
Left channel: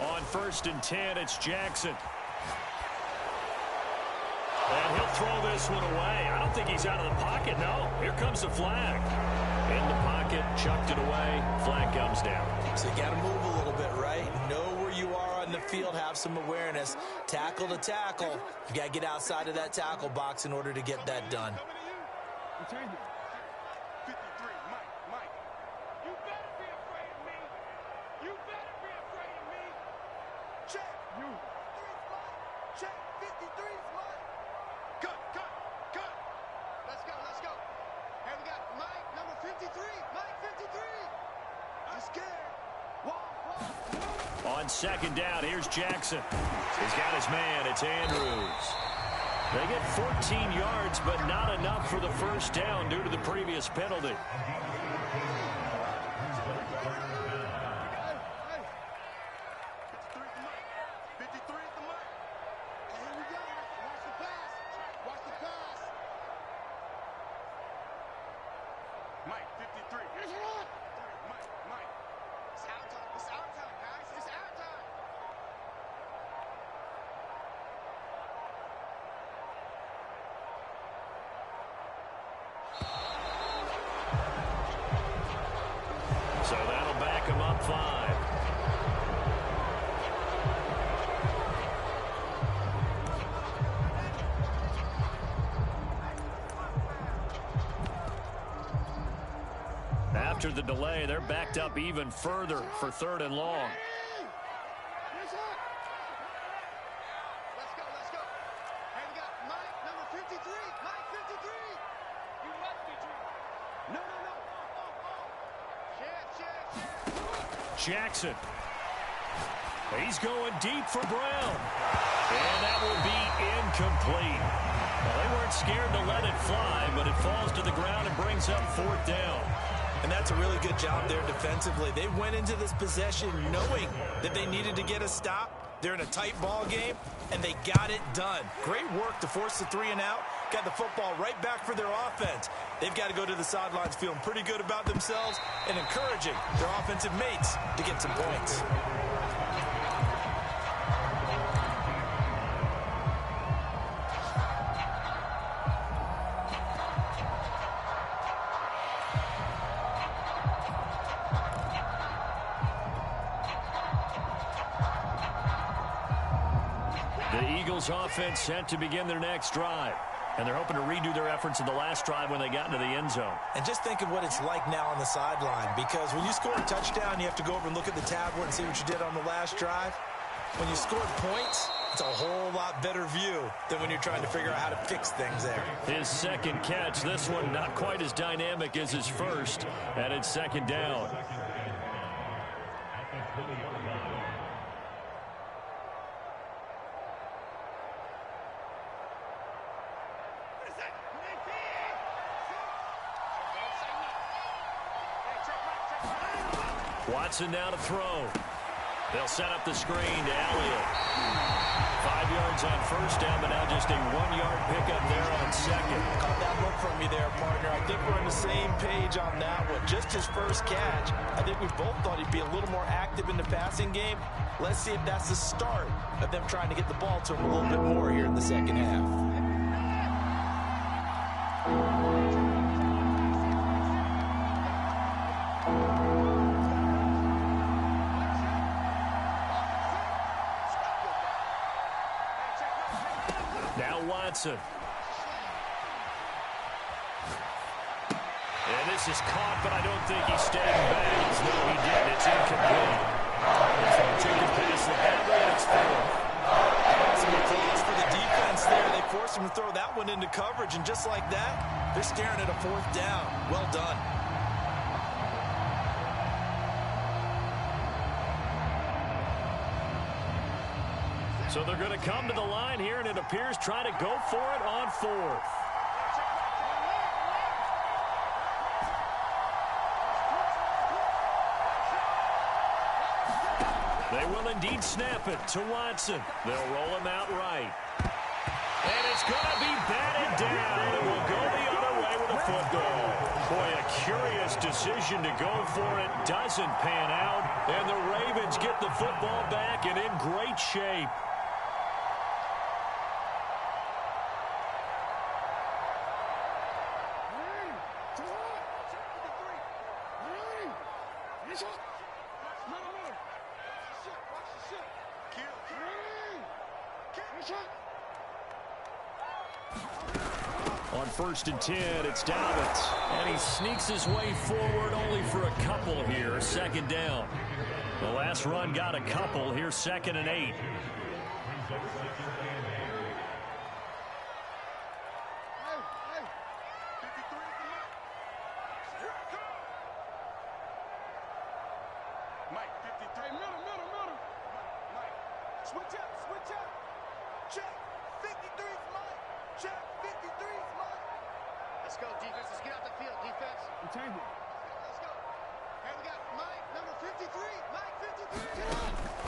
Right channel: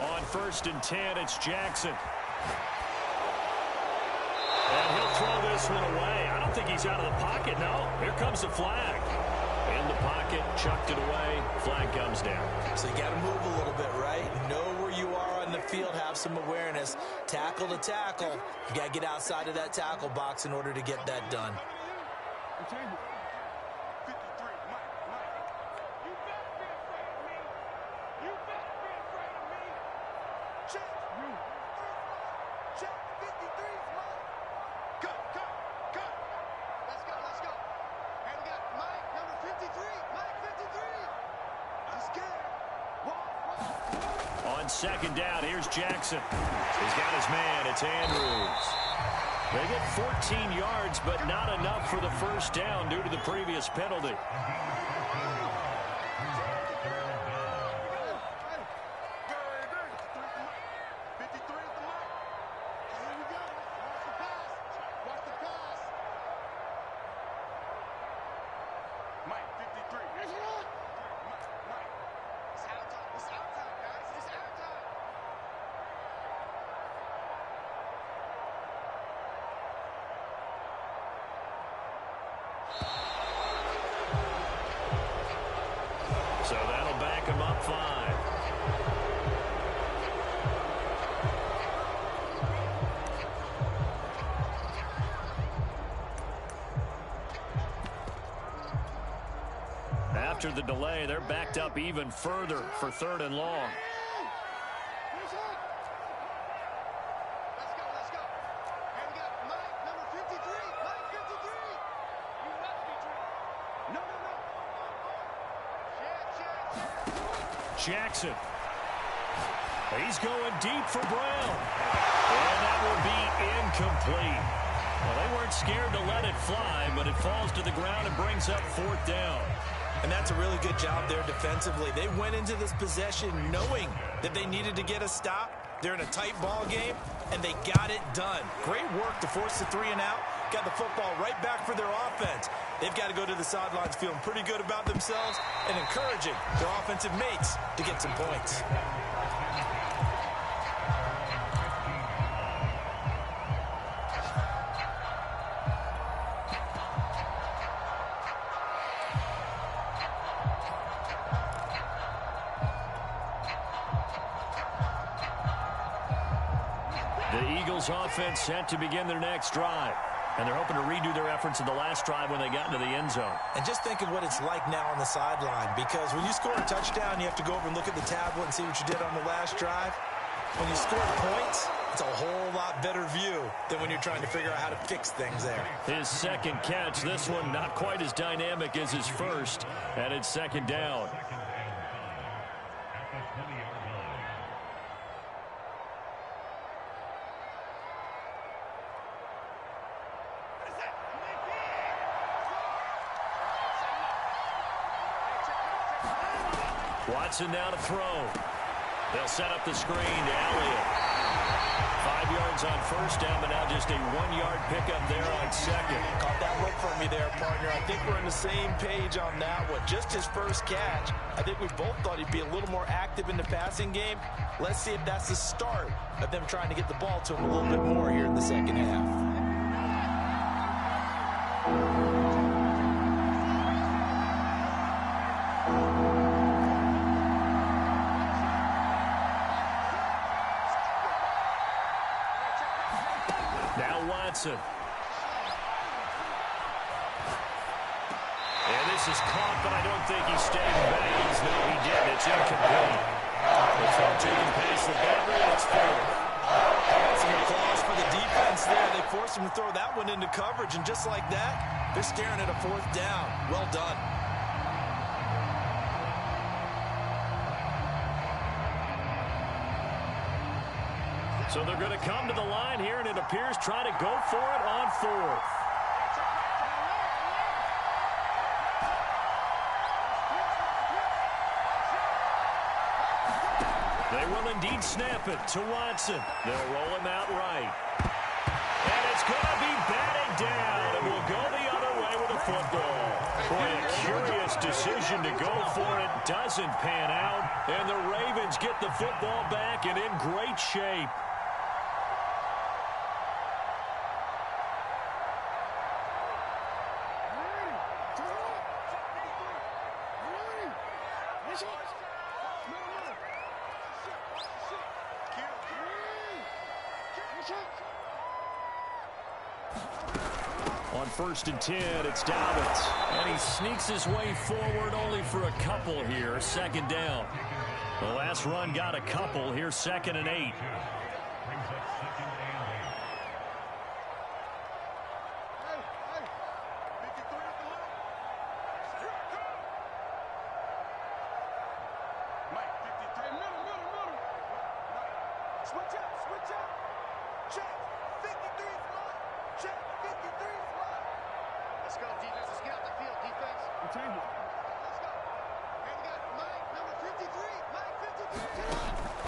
On 1st and 10, it's Jackson. And he'll throw this one away. I don't think he's out of the pocket, no. Here comes the flag. In the pocket, chucked it away. Flag comes down. So you got to move a little bit, right? Know where you are on the field, have some awareness. Tackle to tackle. You got to get outside of that tackle box in order to get that done. On 2nd down, here's Jackson. He's got his man. It's Andrews. They get 14 yards, but not enough for the 1st down due to the previous penalty. So that'll back him up 5. After the delay, they're backed up even further for 3rd and long. Let's go. And we got Mike, number 53. Mike, 53. You must be dreaming. No. Jackson. He's going deep for Brown. And that will be incomplete. Well, they weren't scared to let it fly, but it falls to the ground and brings up 4th down. And that's a really good job there defensively. They went into this possession knowing that they needed to get a stop, They're in a tight ball game, and they got it done. Great work to force the 3 and out. Got the football right back for their offense. They've got to go to the sidelines feeling pretty good about themselves and encouraging their offensive mates to get some points. The Eagles offense set to begin their next drive. And they're hoping to redo their efforts in the last drive when they got into the end zone. And just think of what it's like now on the sideline, because when you score a touchdown, you have to go over and look at the tablet and see what you did on the last drive. When you score points, it's a whole lot better view than when you're trying to figure out how to fix things there. His second catch, this one not quite as dynamic as his first, and it's second down. Watson now to throw. They'll set up the screen to Elliott. 5 yards on first down, but now just a 1-yard pickup there on second. Caught that look from me there, partner. I think we're on the same page on that one. Just his first catch. I think we both thought he'd be a little more active in the passing game. Let's see if that's the start of them trying to get the ball to him a little bit more here in the second half. Watson. And this is caught, but I don't think he stayed in bounds. No, he didn't. It's incomplete. The throw took him past the boundary, and it's fourth. Some applause for the defense there. They forced him to throw that one into coverage, and just like that, they're staring at a fourth down. Well done. So they're going to come to the line here, and it appears try to go for it on fourth. They will indeed snap it to Watson. They'll roll him out right. And it's going to be batted down, and will go the other way with the football. Boy, a curious decision to go for it. Doesn't pan out, and the Ravens get the football back and in great shape. On 1st and 10, it's Dobbins. And he sneaks his way forward only for a couple here. Second down. The last run got a couple. Here's 2nd and 8.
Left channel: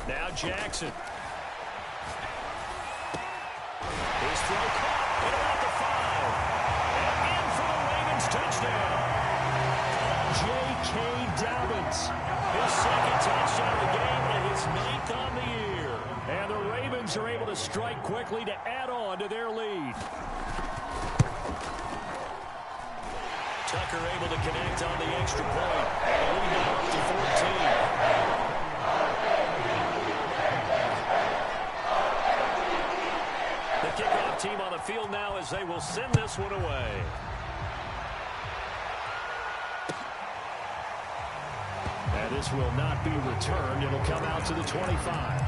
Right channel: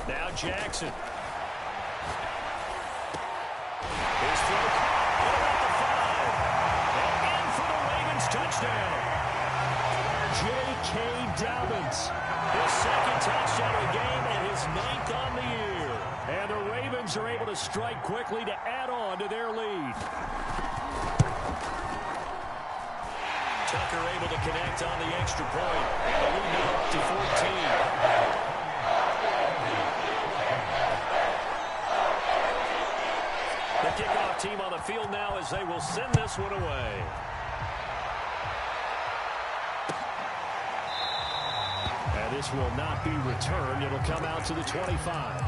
Now Jackson. His throw caught at about the 5. And in for the Ravens touchdown. J.K. Dobbins. His second touchdown of the game and his 9th on the year. And the Ravens are able to strike quickly to add on to their lead. Tucker able to connect on the extra point. And the lead now up to 14. The kickoff team on the field now as they will send this one away. And this will not be returned. It'll come out to the 25.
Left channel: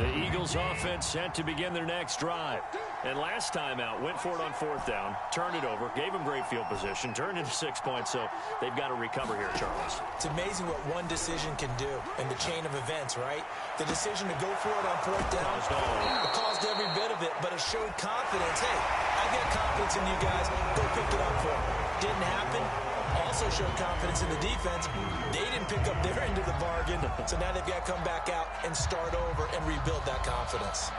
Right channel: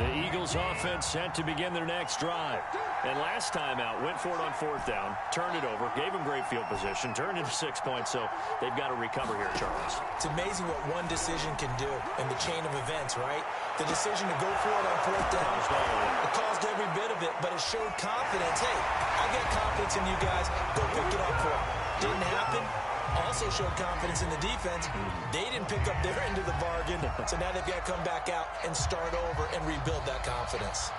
The Eagles offense set to begin their next drive. And last time out, went for it on 4th down, turned it over, gave them great field position, turned into 6 points, so they've got to recover here, Charles. It's amazing what one decision can do in the chain of events, right? The decision to go for it on 4th down, it caused every bit of it, but it showed confidence. Hey, I've got confidence in you guys. Go pick it up for them. Didn't happen. Also showed confidence in the defense. They didn't pick up their end of the bargain, so now they've got to come back out and start over and rebuild that confidence.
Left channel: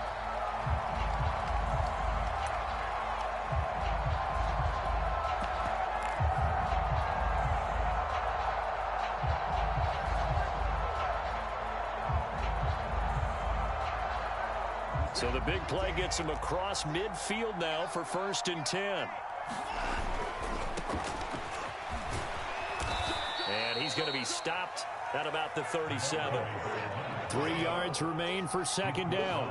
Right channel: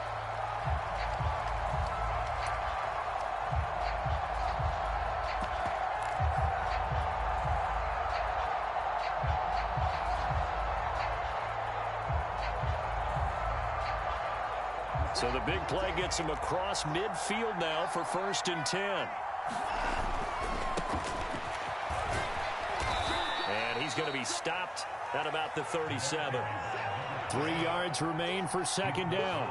So the big play gets him across midfield now for 1st and 10. And he's going to be stopped at about the 37. 3 yards remain for 2nd down.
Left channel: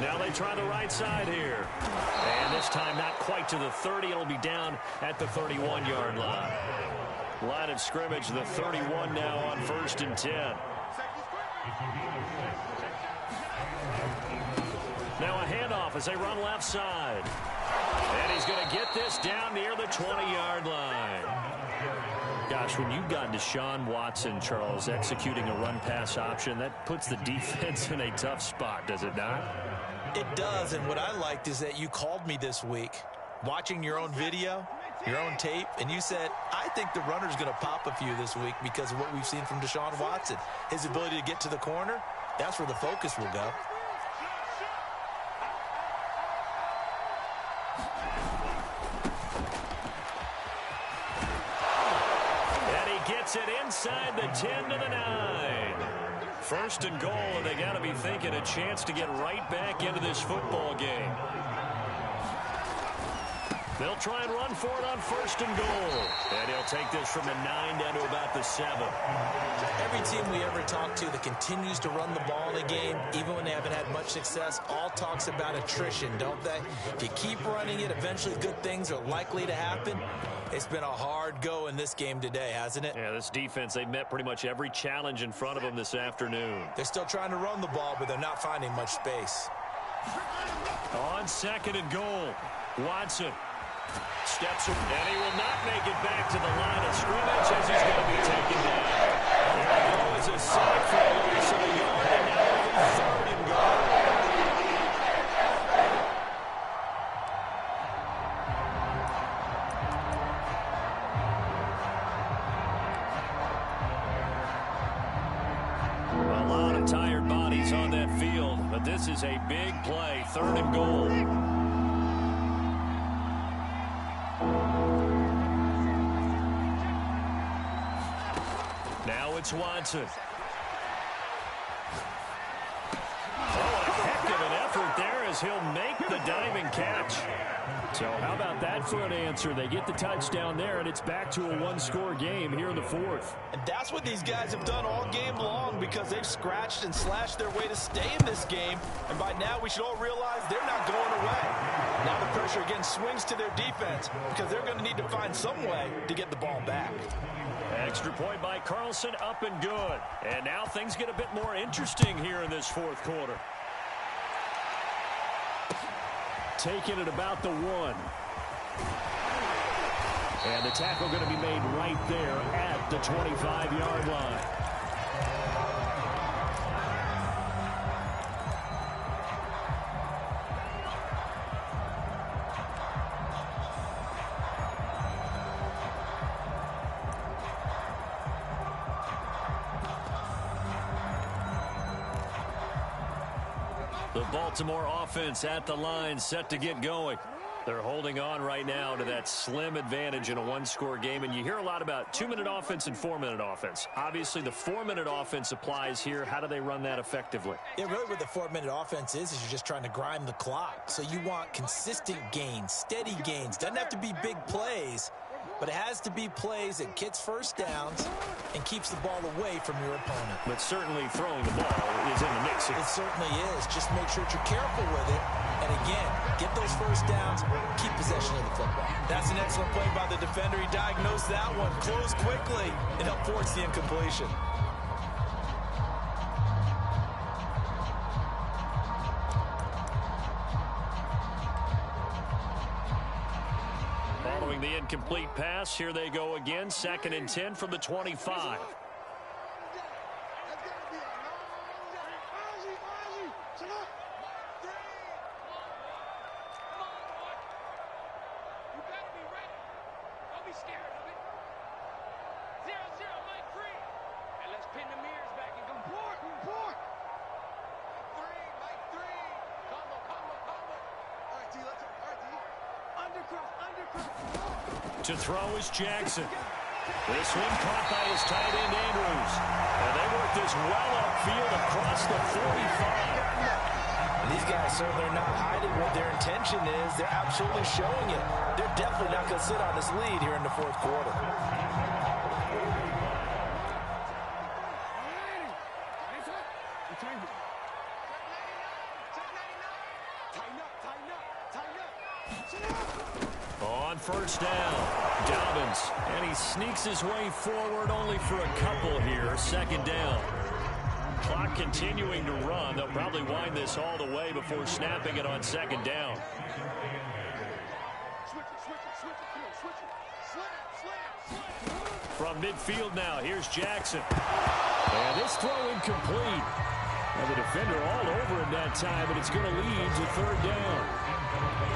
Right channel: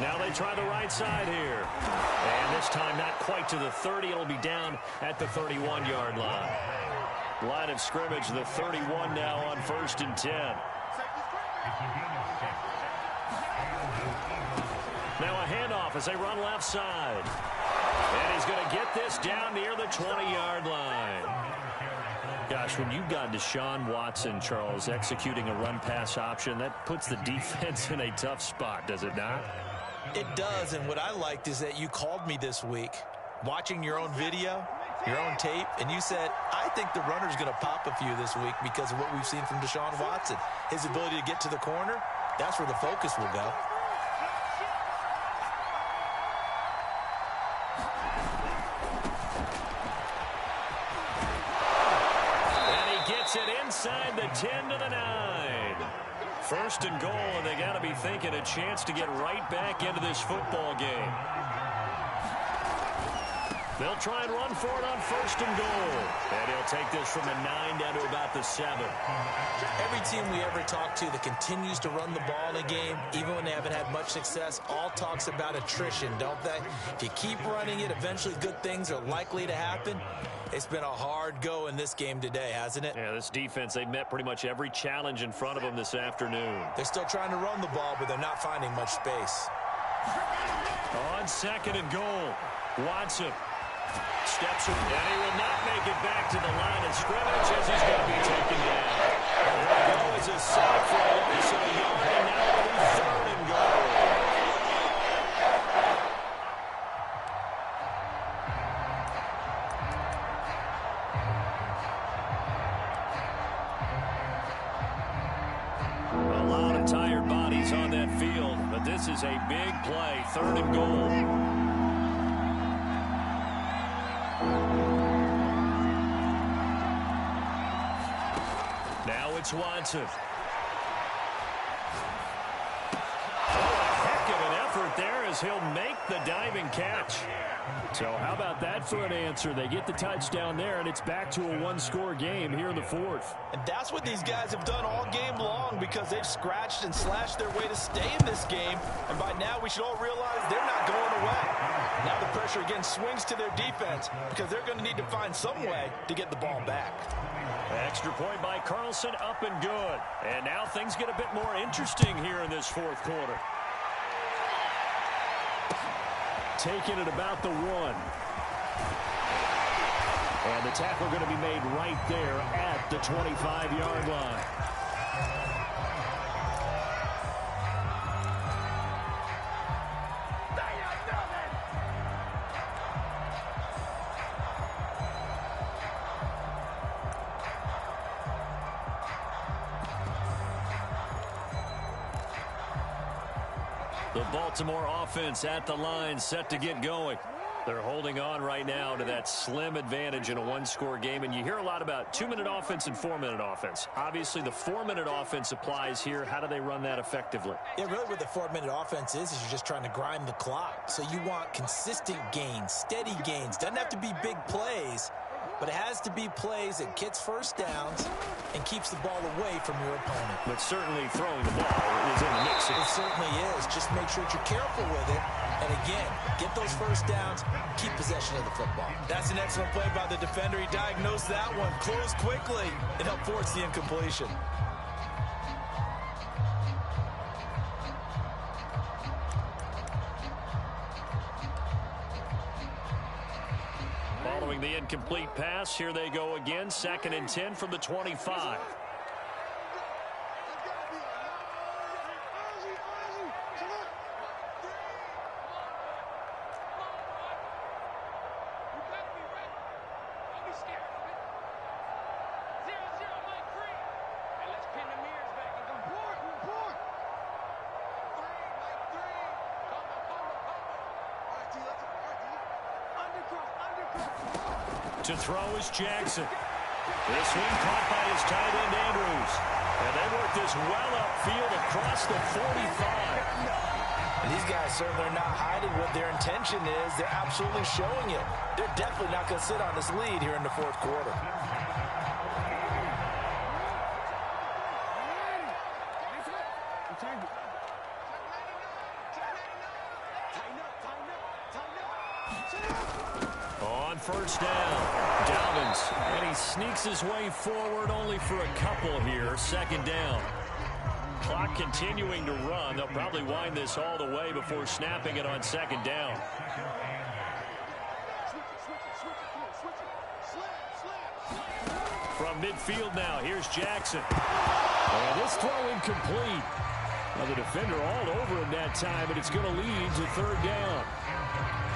Now they try the right side here. And this time not quite to the 30. It'll be down at the 31-yard line. Line of scrimmage, the 31 now on 1st and 10. Now a handoff as they run left side. And he's going to get this down near the 20-yard line. Gosh, when you've got Deshaun Watson, Charles, executing a run-pass option, that puts the defense in a tough spot, does it not? It does, and what I liked is that you called me this week, watching your own video, your own tape, and you said, I think the runner's going to pop a few this week because of what we've seen from Deshaun Watson. His ability to get to the corner, that's where the focus will go. And he gets it inside the 10 to the 9. 1st and goal, and they got to be thinking a chance to get right back into this football game. They'll try and run for it on 1st and goal. And he'll take this from the 9 down to about the 7. Every team we ever talk to that continues to run the ball in a game, even when they haven't had much success, all talks about attrition, don't they? If you keep running it, eventually good things are likely to happen. It's been a hard go in this game today, hasn't it? Yeah, this defense, they've met pretty much every challenge in front of them this afternoon. They're still trying to run the ball, but they're not finding much space. On 2nd and goal, Watson steps in, and he will not make it back to the line of scrimmage as he's going to be taken down. There we go as a save for a loss of a yard, and now it'll be 3rd and goal. A lot of tired bodies on that field, but this is a big play, 3rd and goal. Now it's Watson. Oh, a heck of an effort there as he'll make the diving catch. So how about that for an answer? They get the touchdown there, and it's back to a 1-score game here in the 4th. And that's what these guys have done all game long because they've scratched and slashed their way to stay in this game. And by now, we should all realize they're not going away. Now the pressure again swings to their defense because they're going to need to find some way to get the ball back. Extra point by Carlson, up and good. And now things get a bit more interesting here in this 4th quarter. Taking it about the 1. And the tackle going to be made right there at the 25-yard line. The Baltimore offense at the line, set to get going. They're holding on right now to that slim advantage in a 1-score game. And you hear a lot about 2-minute offense and 4-minute offense. Obviously, the 4-minute offense applies here. How do they run that effectively? Yeah, really what the 4-minute offense is you're just trying to grind the clock. So you want consistent gains, steady gains. Doesn't have to be big plays, but it has to be plays that gets first downs and keeps the ball away from your opponent. But certainly throwing the ball is in the mix here. It certainly is. Just make sure that you're careful with it. And again, get those first downs, keep possession of the football. That's an excellent play by the defender. He diagnosed that one, closed quickly, and helped force the incompletion. Following the incomplete pass, here they go again. 2nd and 10 from the 25. To throw is Jackson. This one caught by his tight end, Andrews. And they work this well upfield across the 45. And these guys certainly are not hiding what their intention is. They're absolutely showing it. They're definitely not going to sit on this lead here in the fourth quarter. On first down, Dobbins, and he sneaks his way forward only for a couple here. 2nd down. Clock continuing to run. They'll probably wind this all the way before snapping it on 2nd down. From midfield now, here's Jackson. And this throw incomplete. Now the defender all over him that time, but it's going to lead to 3rd down.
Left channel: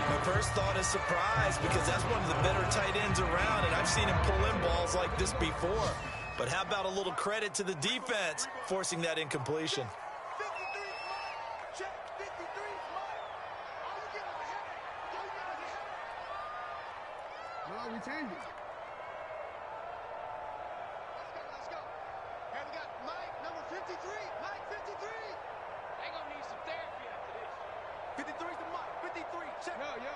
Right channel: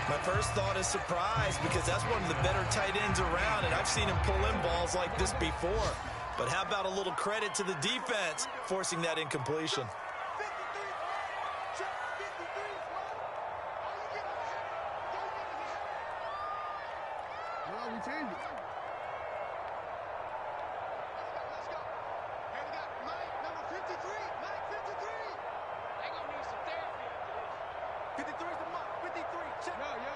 My first thought is surprise because that's one of the better tight ends around, and I've seen him pull in balls like this before. But how about a little credit to the defense forcing that incompletion? No, we changed it. Let's go. Hey, we got Mike, number 53. Mike, 53. They gonna need some therapy after this. 53's the Mike. 53, check. Yo.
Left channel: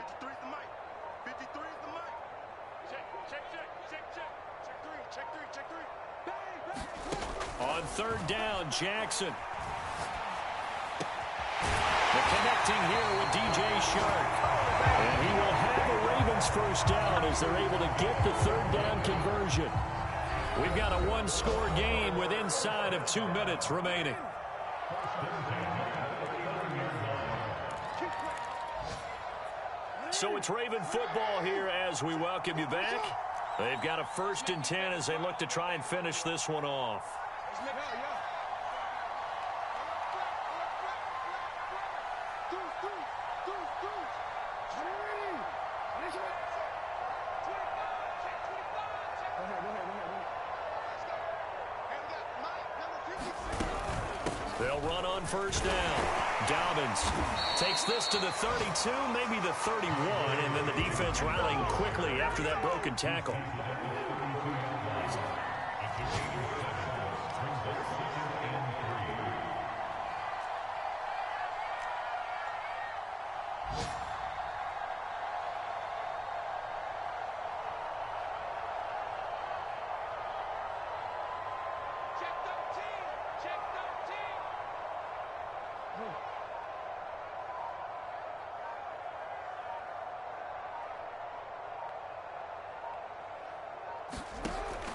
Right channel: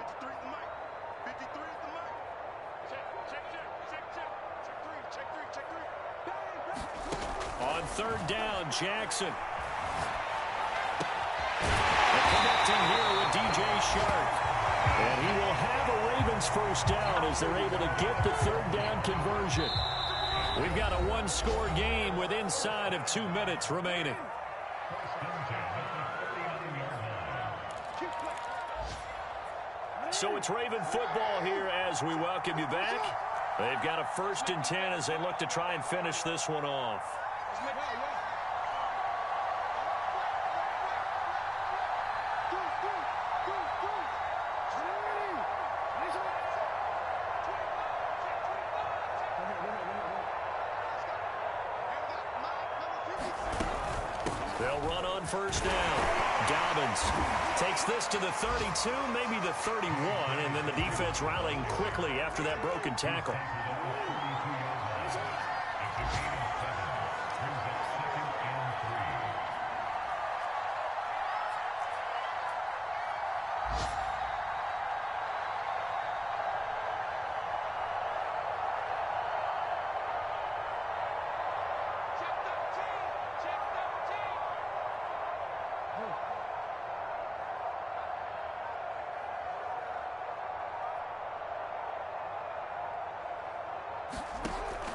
53's the Mike. 53's the Mike. Check. Check three. Bang. On 3rd down, Jackson. They're connecting here with DJ Shark. And he will have a Ravens first down as they're able to get the 3rd down conversion. We've got a one-score game with inside of 2 minutes remaining. So it's Raven football here as we welcome you back. They've got a 1st and 10 as they look to try and finish this one off. They'll run on first down. Dobbins takes this to the 32, maybe the 31, and then the defense rallying quickly after that broken tackle.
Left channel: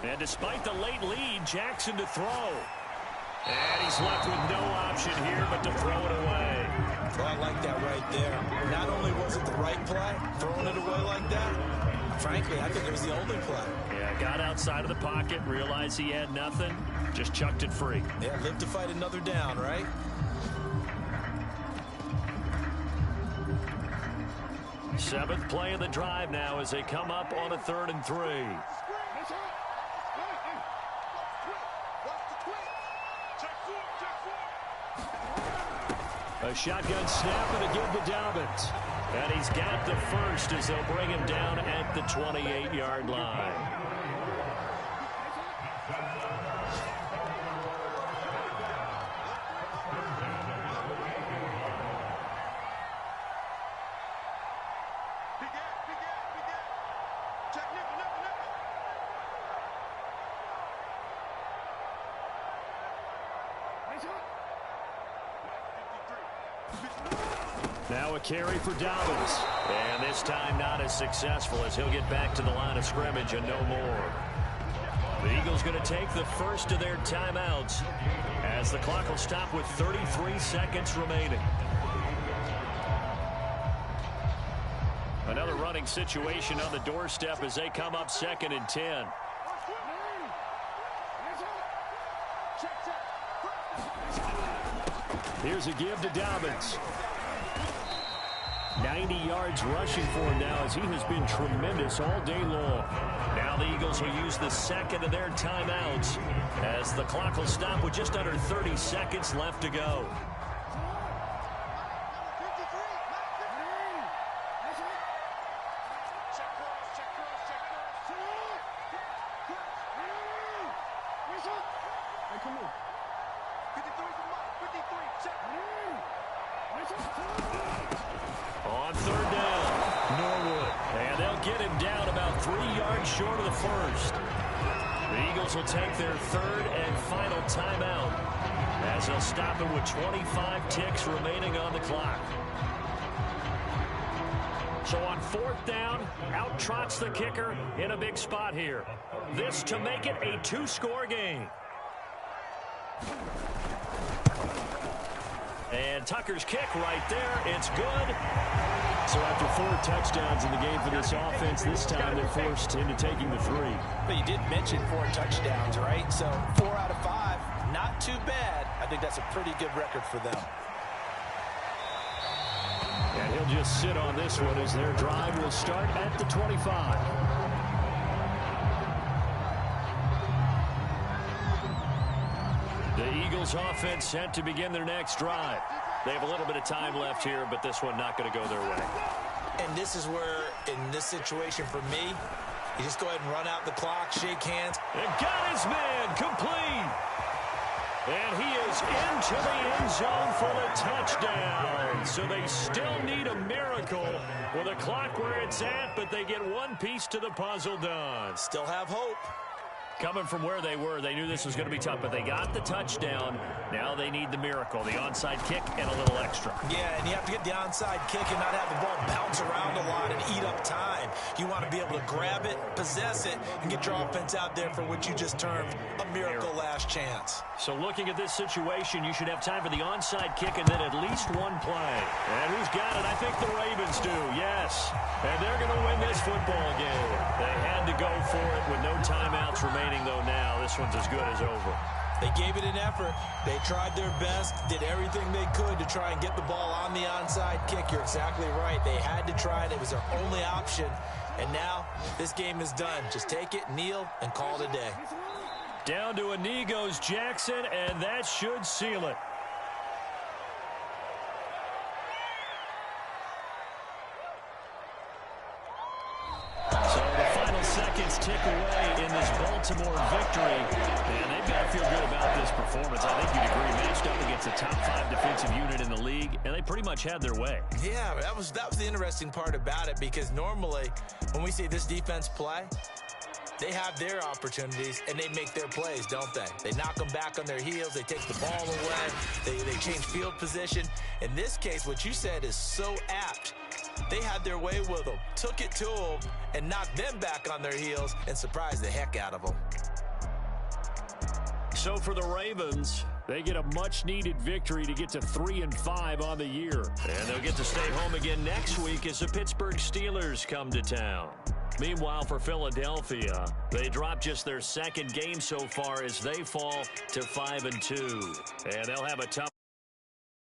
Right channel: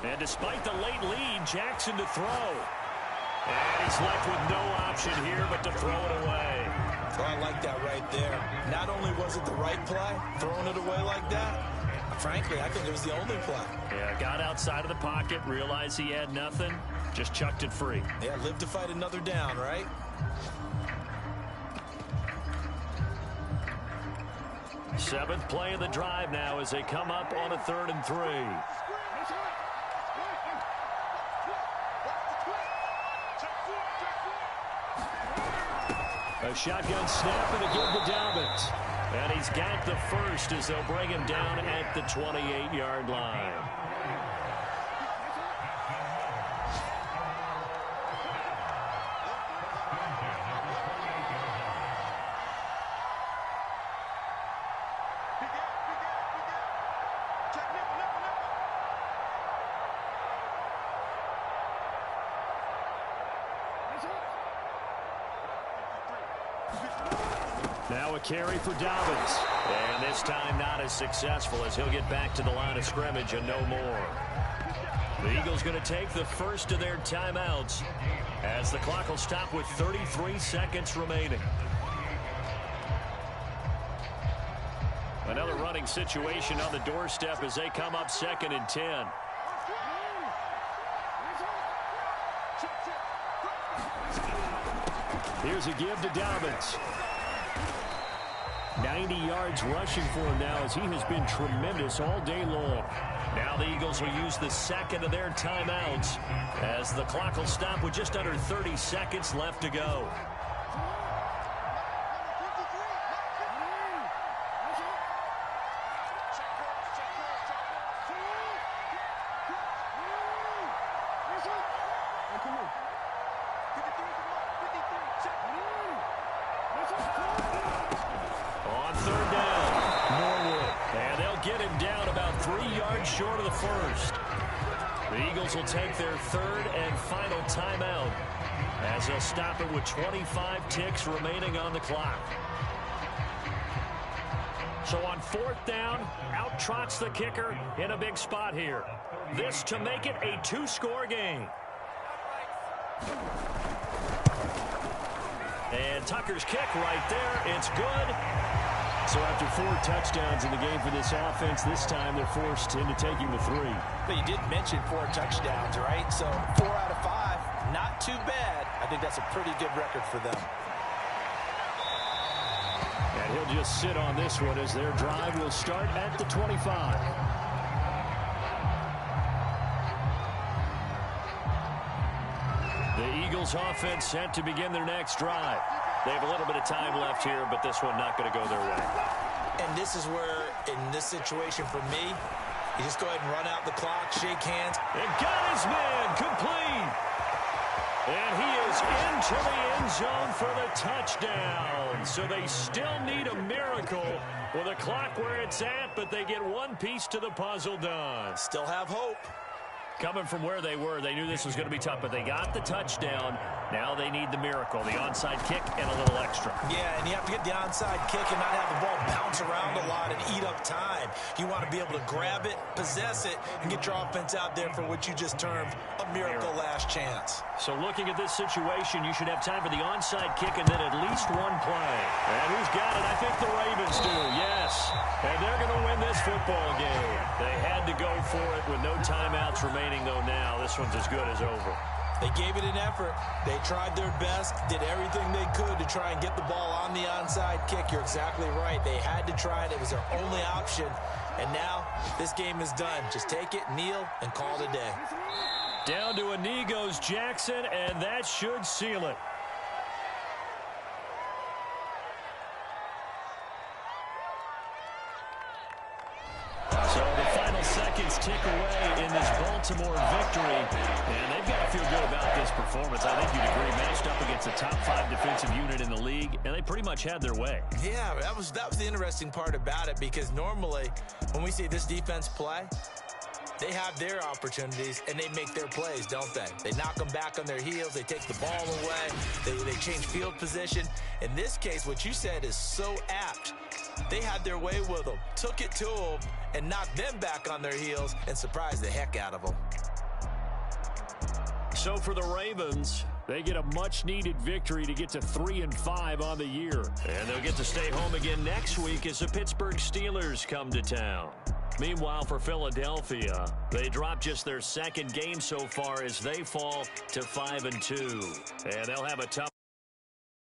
And despite the late lead, Jackson to throw. And he's left with no option here but to throw it away. Oh, I like that right there. Not only was it the right play, throwing it away like that, frankly, I think it was the only play. Yeah, got outside of the pocket, realized he had nothing, just chucked it free. Yeah, live to fight another down, right? Seventh play of the drive now as they come up on a 3rd and 3. A shotgun snap and a give to Dobbins. And he's got the first as they'll bring him down at the 28-yard line. Now a carry for Dobbins. And this time not as successful as he'll get back to the line of scrimmage and no more. The Eagles going to take the first of their timeouts as the clock will stop with 33 seconds remaining. Another running situation on the doorstep as they come up 2nd and 10. Here's a give to Dobbins. 90 yards rushing for him now as he has been tremendous all day long. Now the Eagles will use the second of their timeouts as the clock will stop with just under 30 seconds left to go. On 3rd down, Norwood. And they'll get him down about 3 yards short of the first. The Eagles will take their 3rd and final timeout as they'll stop it with 25 ticks remaining on the clock. So on 4th down, out trots the kicker in a big spot here. This to make it a 2-score game. And Tucker's kick right there. It's good. So after 4 touchdowns in the game for this offense, this time they're forced into taking the 3. But you did mention 4 touchdowns, right? So 4 out of 5, not too bad. I think that's a pretty good record for them. And he'll just sit on this one as their drive will start at the 25. The Eagles offense set to begin their next drive. They have a little bit of time left here, but this one not going to go their way. And this is where, in this situation for me, you just go ahead and run out the clock, shake hands. And got his man complete. And he is into the end zone for the touchdown. So they still need a miracle with a clock where it's at, but they get one piece to the puzzle done. Still have hope. Coming from where they were, they knew this was going to be tough, but they got the touchdown. Now they need the miracle, the onside kick and a little extra. Yeah, and you have to get the onside kick and not have the ball bounce around a lot and eat up time. You want to be able to grab it, possess it, and get your offense out there for what you just termed a miracle last chance. So looking at this situation, you should have time for the onside kick and then at least one play. And who's got it? I think the Ravens do, yes. And they're going to win this football game. They had to go for it with no timeouts remaining, though now. This one's as good as over. They gave it an effort. They tried their best, did everything they could to try and get the ball on the onside kick. You're exactly right. They had to try it. It was their only option. And now this game is done. Just take it, kneel, and call it a day. Down to a knee goes Jackson, and that should seal it. So the final seconds tick away in this Baltimore victory, and they've got to feel good about this performance. I think you'd agree, matched up against the top 5 defensive unit in the league, and they pretty much had their way. Yeah, that was the interesting part about it, because normally when we see this defense play, they have their opportunities, and they make their plays, don't they? They knock them back on their heels. They take the ball away. They change field position. In this case, what you said is so apt. They had their way with them, took it to them, and knocked them back on their heels and surprised the heck out of them. So for the Ravens, they get a much-needed victory to get to 3-5 on the year. And they'll get to stay home again next week as the Pittsburgh Steelers come to town. Meanwhile, for Philadelphia, they drop just their second game so far as they fall to 5-2. And they'll have a tough